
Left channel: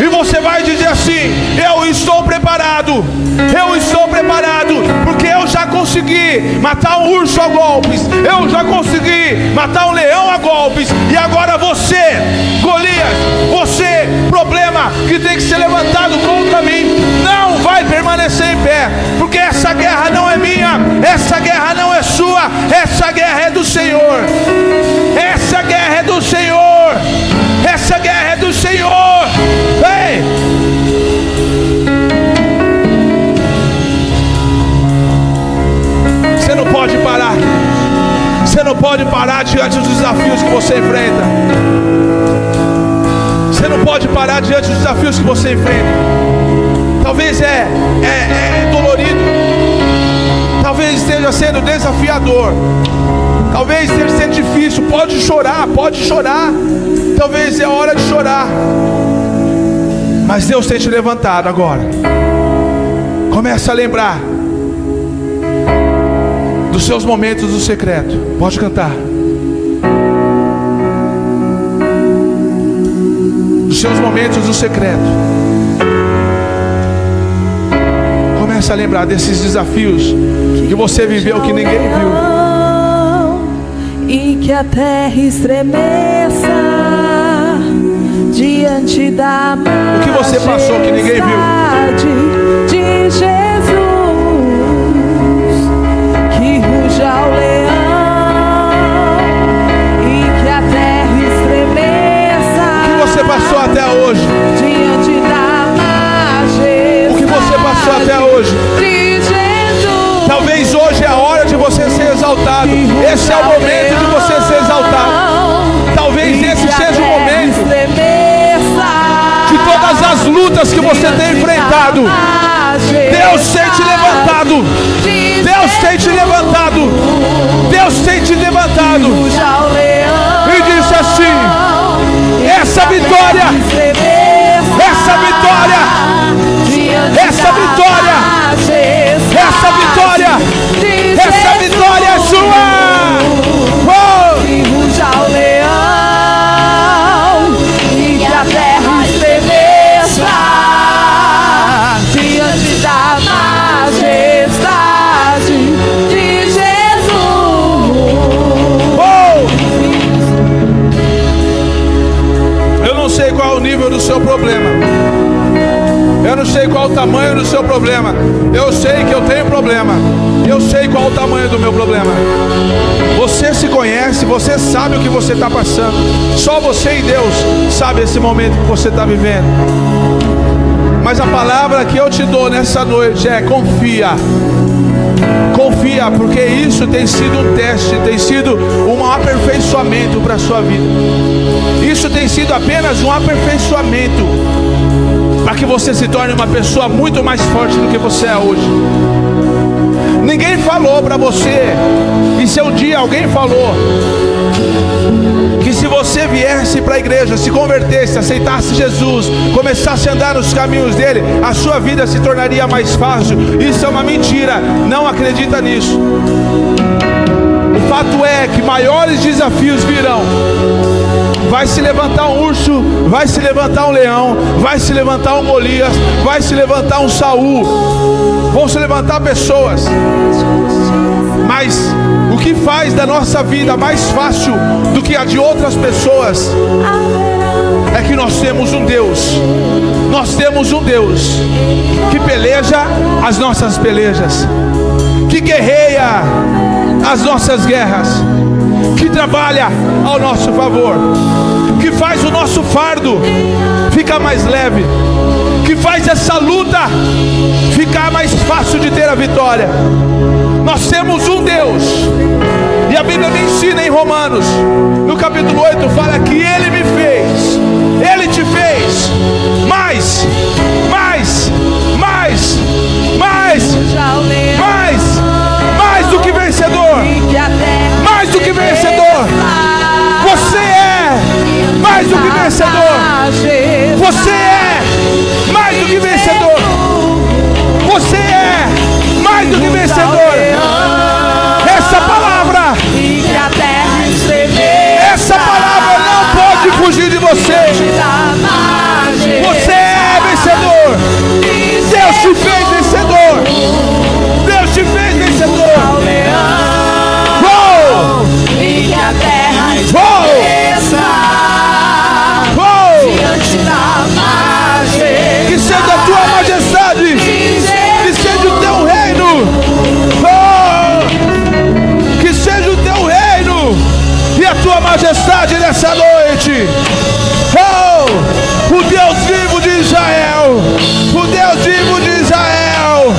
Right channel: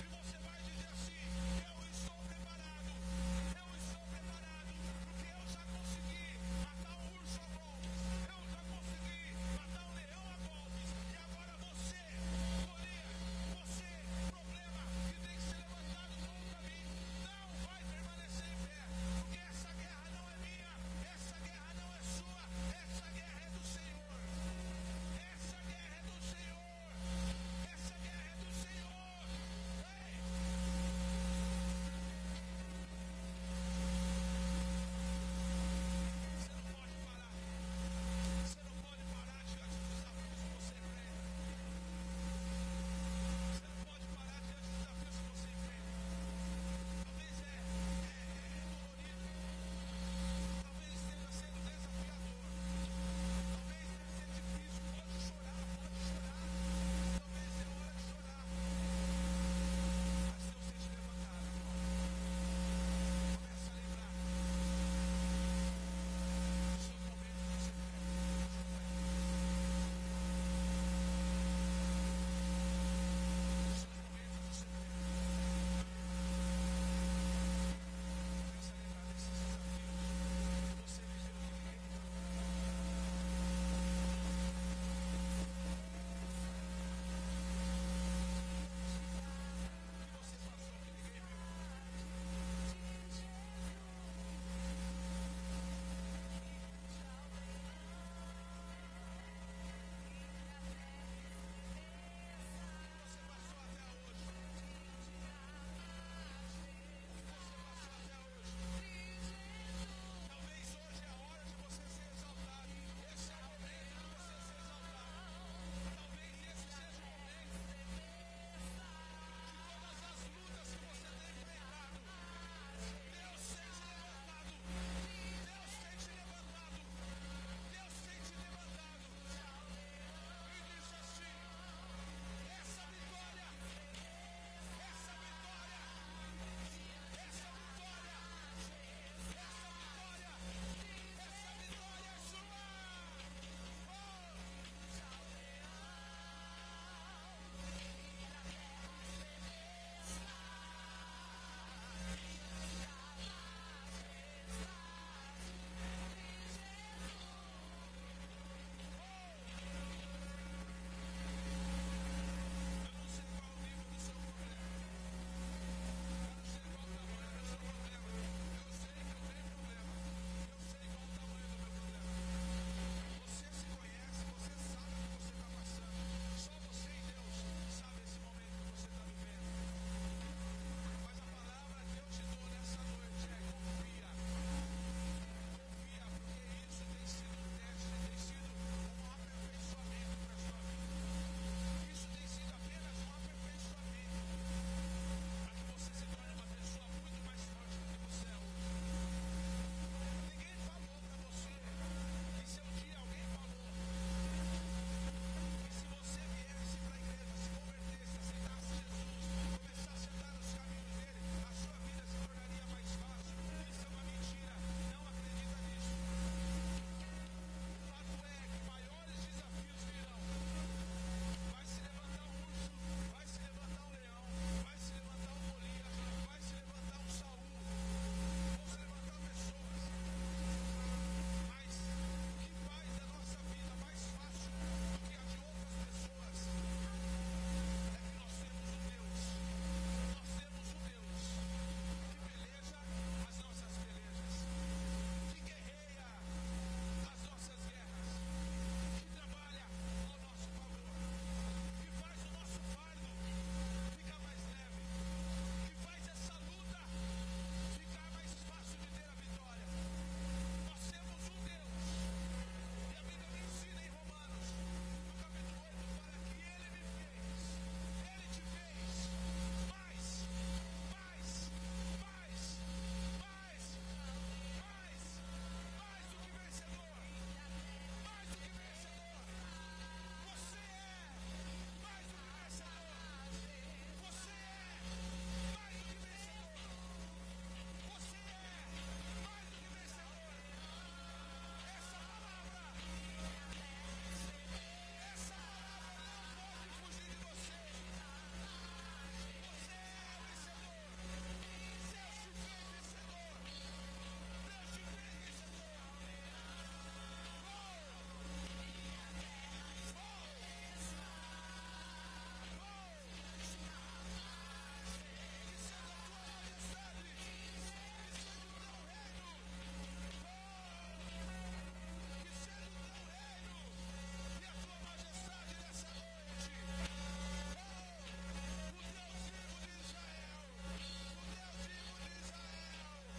E você vai dizer assim: eu estou preparado, porque eu já consegui matar um urso a golpes, eu já consegui matar um leão a golpes. E agora você, Golias, você, problema que tem que ser levantado contra mim, não vai permanecer em pé, porque essa guerra não é minha, essa guerra não é sua, essa guerra é do Senhor, essa guerra é do Senhor, essa guerra é do Senhor. Ei! Você não pode parar. Você não pode parar diante dos desafios que você enfrenta. Você não pode parar diante dos desafios que você enfrenta. Talvez é dolorido. Talvez esteja sendo desafiador. Talvez esteja sendo difícil. Pode chorar, pode chorar. Talvez é hora de chorar. Mas Deus tem te levantado agora. Comece a lembrar dos seus momentos do secreto. Pode cantar. Dos seus momentos do secreto. Comece a lembrar desses desafios que você viveu que ninguém viu. E que a terra estremeça diante da o que você passou que ninguém viu. De Jesus, que ruja o leão e que a terra estremeça. O que você passou até hoje? Diante da majestade. O que você passou até hoje? De Jesus. Talvez hoje é a hora de você ser exaltado. Esse é o momento de você ser exaltado. Talvez esse seja o momento de todas as lutas que você tem enfrentado. Deus tem te levantado. Deus tem te levantado. Deus tem te levantado. E disse assim: essa vitória, essa vitória, essa vitória, essa vitória, essa vitória é sua. Do seu problema, eu não sei qual o tamanho do seu problema. Eu sei que eu tenho problema. Eu sei qual o tamanho do meu problema. Você se conhece, você sabe o que você está passando. Só você e Deus sabe esse momento que você está vivendo. Mas a palavra que eu te dou nessa noite é: confia. Confia, porque isso tem sido um teste, tem sido um aperfeiçoamento para a sua vida. Isso tem sido apenas um aperfeiçoamento para que você se torne uma pessoa muito mais forte do que você é hoje. Ninguém falou para você, e se um dia alguém falou que se você viesse para a igreja, se convertesse, aceitasse Jesus, começasse a andar nos caminhos dele, a sua vida se tornaria mais fácil, isso é uma mentira. Não acredita nisso. O fato é que maiores desafios virão. Vai se levantar um urso, vai se levantar um leão, vai se levantar um Golias, vai se levantar um Saul, vão se levantar pessoas. Mas o que faz da nossa vida mais fácil do que a de outras pessoas é que nós temos um Deus. Nós temos um Deus que peleja as nossas pelejas, que guerreia as nossas guerras, que trabalha ao nosso favor, que faz o nosso fardo ficar mais leve, que faz essa luta ficar mais fácil de ter a vitória. Nós temos um Deus, e a Bíblia me ensina em Romanos, no capítulo 8, fala que Ele me fez, Ele te fez mais do que vencedor, mais do que vencedor. Você é mais do que vencedor. Você é mais do que vencedor. Você é mais do que vencedor. Essa palavra não pode fugir de você. Você é vencedor. Deus te fez vencedor. Deus te fez vencedor. Que seja a tua majestade, que seja o teu reino, que seja o teu reino e a tua majestade nessa noite. O Deus vivo de Israel, o Deus vivo de Israel.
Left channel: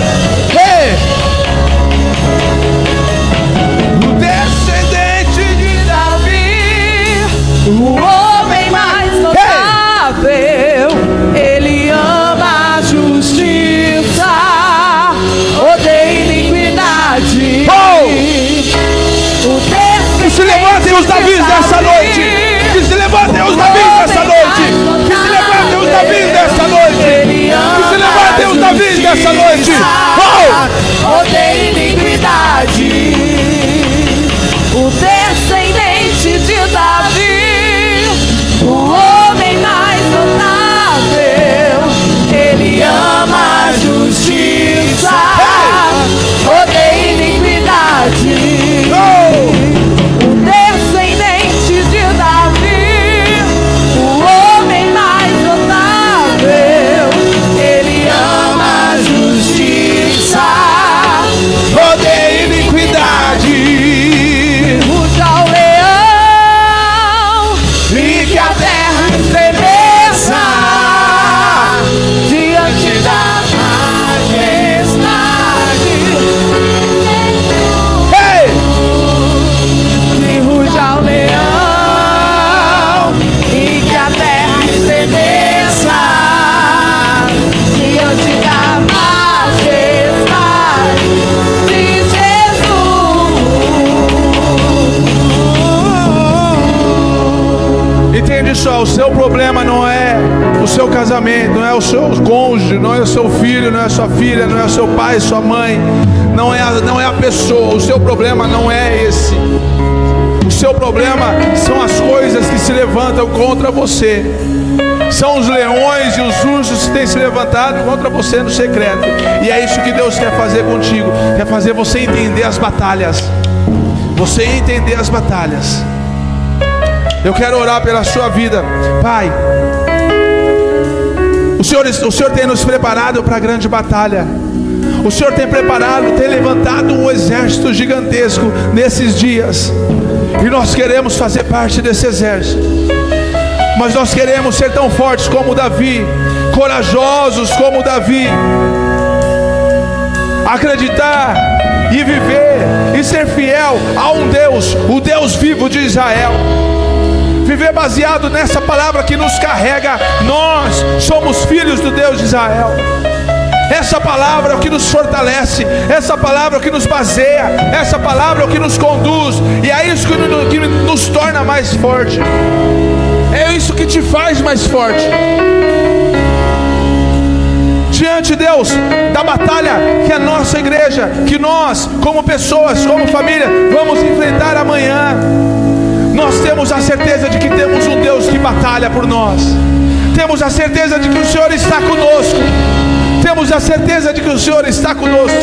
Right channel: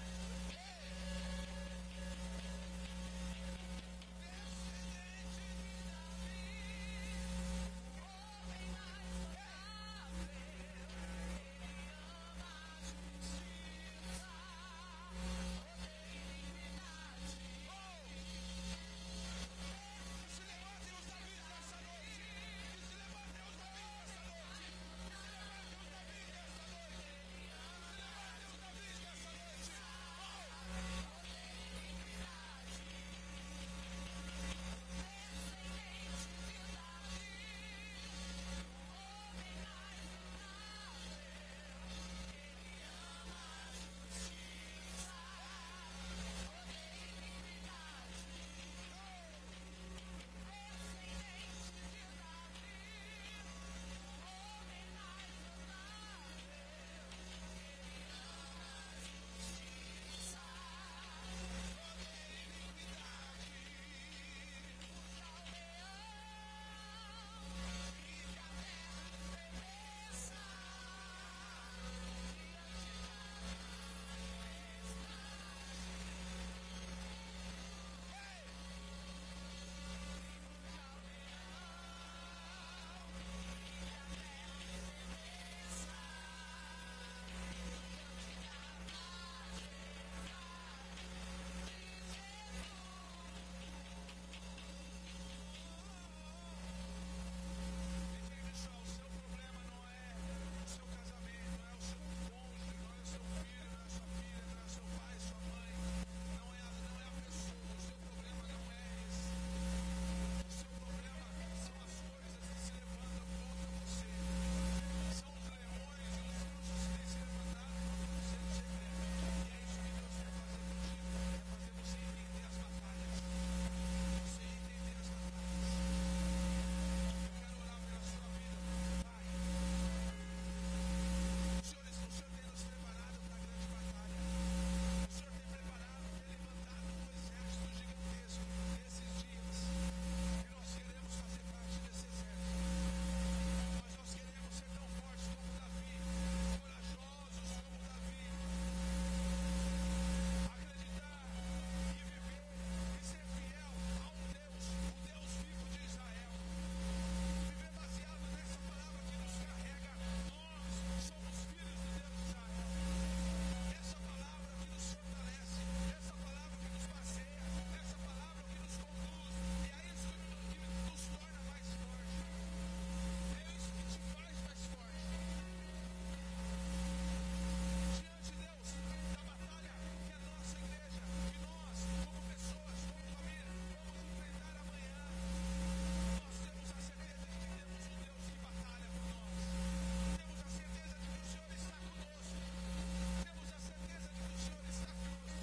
O descendente de Davi, o homem mais notável, ele ama a justiça, odeia iniquidade. Que se levantem os Davis nessa noite. o seu problema não é o seu casamento, não é o seu cônjuge, não é o seu filho, não é a sua filha, não é o seu pai, sua mãe, não é a pessoa. O seu problema não é esse. O seu problema são as coisas que se levantam contra você. São os leões e os ursos que têm se levantado contra você no secreto. E é isso que Deus quer fazer contigo. Quer fazer você entender as batalhas. Você entender as batalhas. Eu quero orar pela sua vida. Pai, o Senhor tem nos preparado para a grande batalha. O Senhor tem preparado, tem levantado um exército gigantesco nesses dias. E nós queremos fazer parte desse exército. Mas nós queremos ser tão fortes como Davi, corajosos como Davi, acreditar e viver e ser fiel a um Deus, o Deus vivo de Israel. Viver baseado nessa palavra que nos carrega. Nós somos filhos do Deus de Israel. Essa palavra é o que nos fortalece, essa palavra é o que nos baseia, essa palavra é o que nos conduz, e é isso que nos torna mais forte. É isso que te faz mais forte. Diante, Deus, da batalha que a nossa igreja, que nós, como pessoas, como família, vamos enfrentar amanhã, nós temos a certeza de que temos um Deus que batalha por nós. Temos a certeza de que o Senhor está conosco. Temos a certeza de que o Senhor está conosco.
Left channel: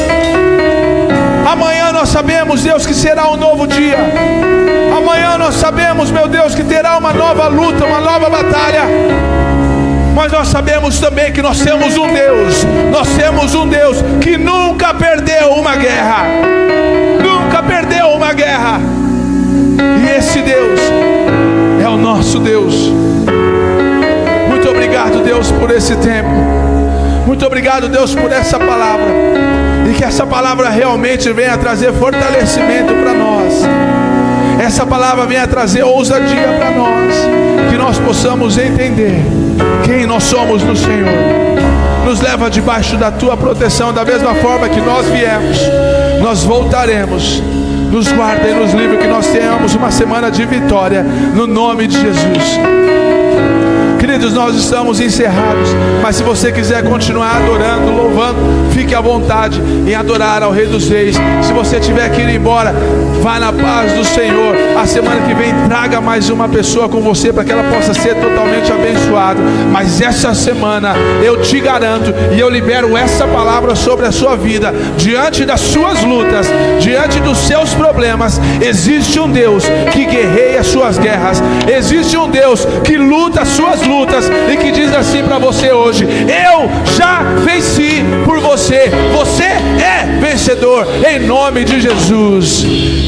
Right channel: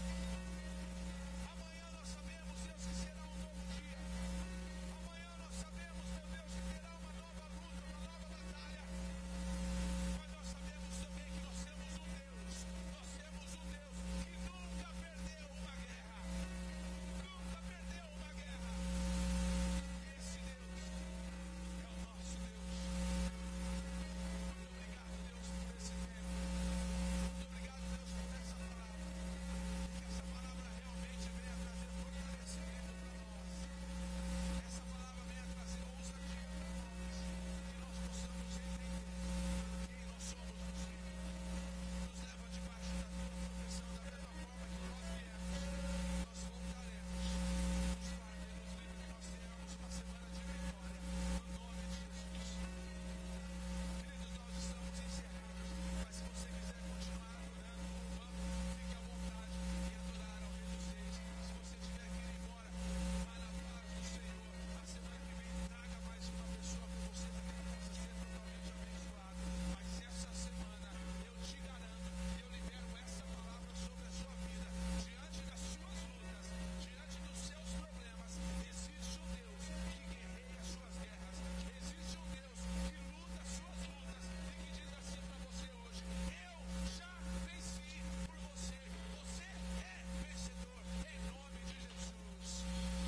Amanhã nós sabemos, Deus, que será um novo dia. Amanhã nós sabemos, meu Deus, que terá uma nova luta, uma nova batalha. Mas nós sabemos também que nós temos um Deus. Nós temos um Deus que nunca perdeu uma guerra. Nunca perdeu uma guerra. E esse Deus é o nosso Deus. Muito obrigado, Deus, por esse tempo. Muito obrigado, Deus, por essa palavra. E que essa palavra realmente venha trazer fortalecimento para nós. Essa palavra venha trazer ousadia para nós. Que nós possamos entender quem nós somos no Senhor. Nos leva debaixo da Tua proteção. Da mesma forma que nós viemos, nós voltaremos. Nos guarda e nos livre. Que nós tenhamos uma semana de vitória, no nome de Jesus. Queridos, nós estamos encerrados, mas se você quiser continuar adorando, louvando, fique à vontade em adorar ao Rei dos Reis. Se você tiver que ir embora, vá na paz do Senhor. A semana que vem traga mais uma pessoa com você para que ela possa ser totalmente abençoada. Mas essa semana eu te garanto e eu libero essa palavra sobre a sua vida. Diante das suas lutas, diante dos seus problemas, existe um Deus que guerreia as suas guerras. Existe um Deus que luta as suas lutas e que diz assim para você hoje: eu já venci por você. Você é vencedor em nome de Jesus.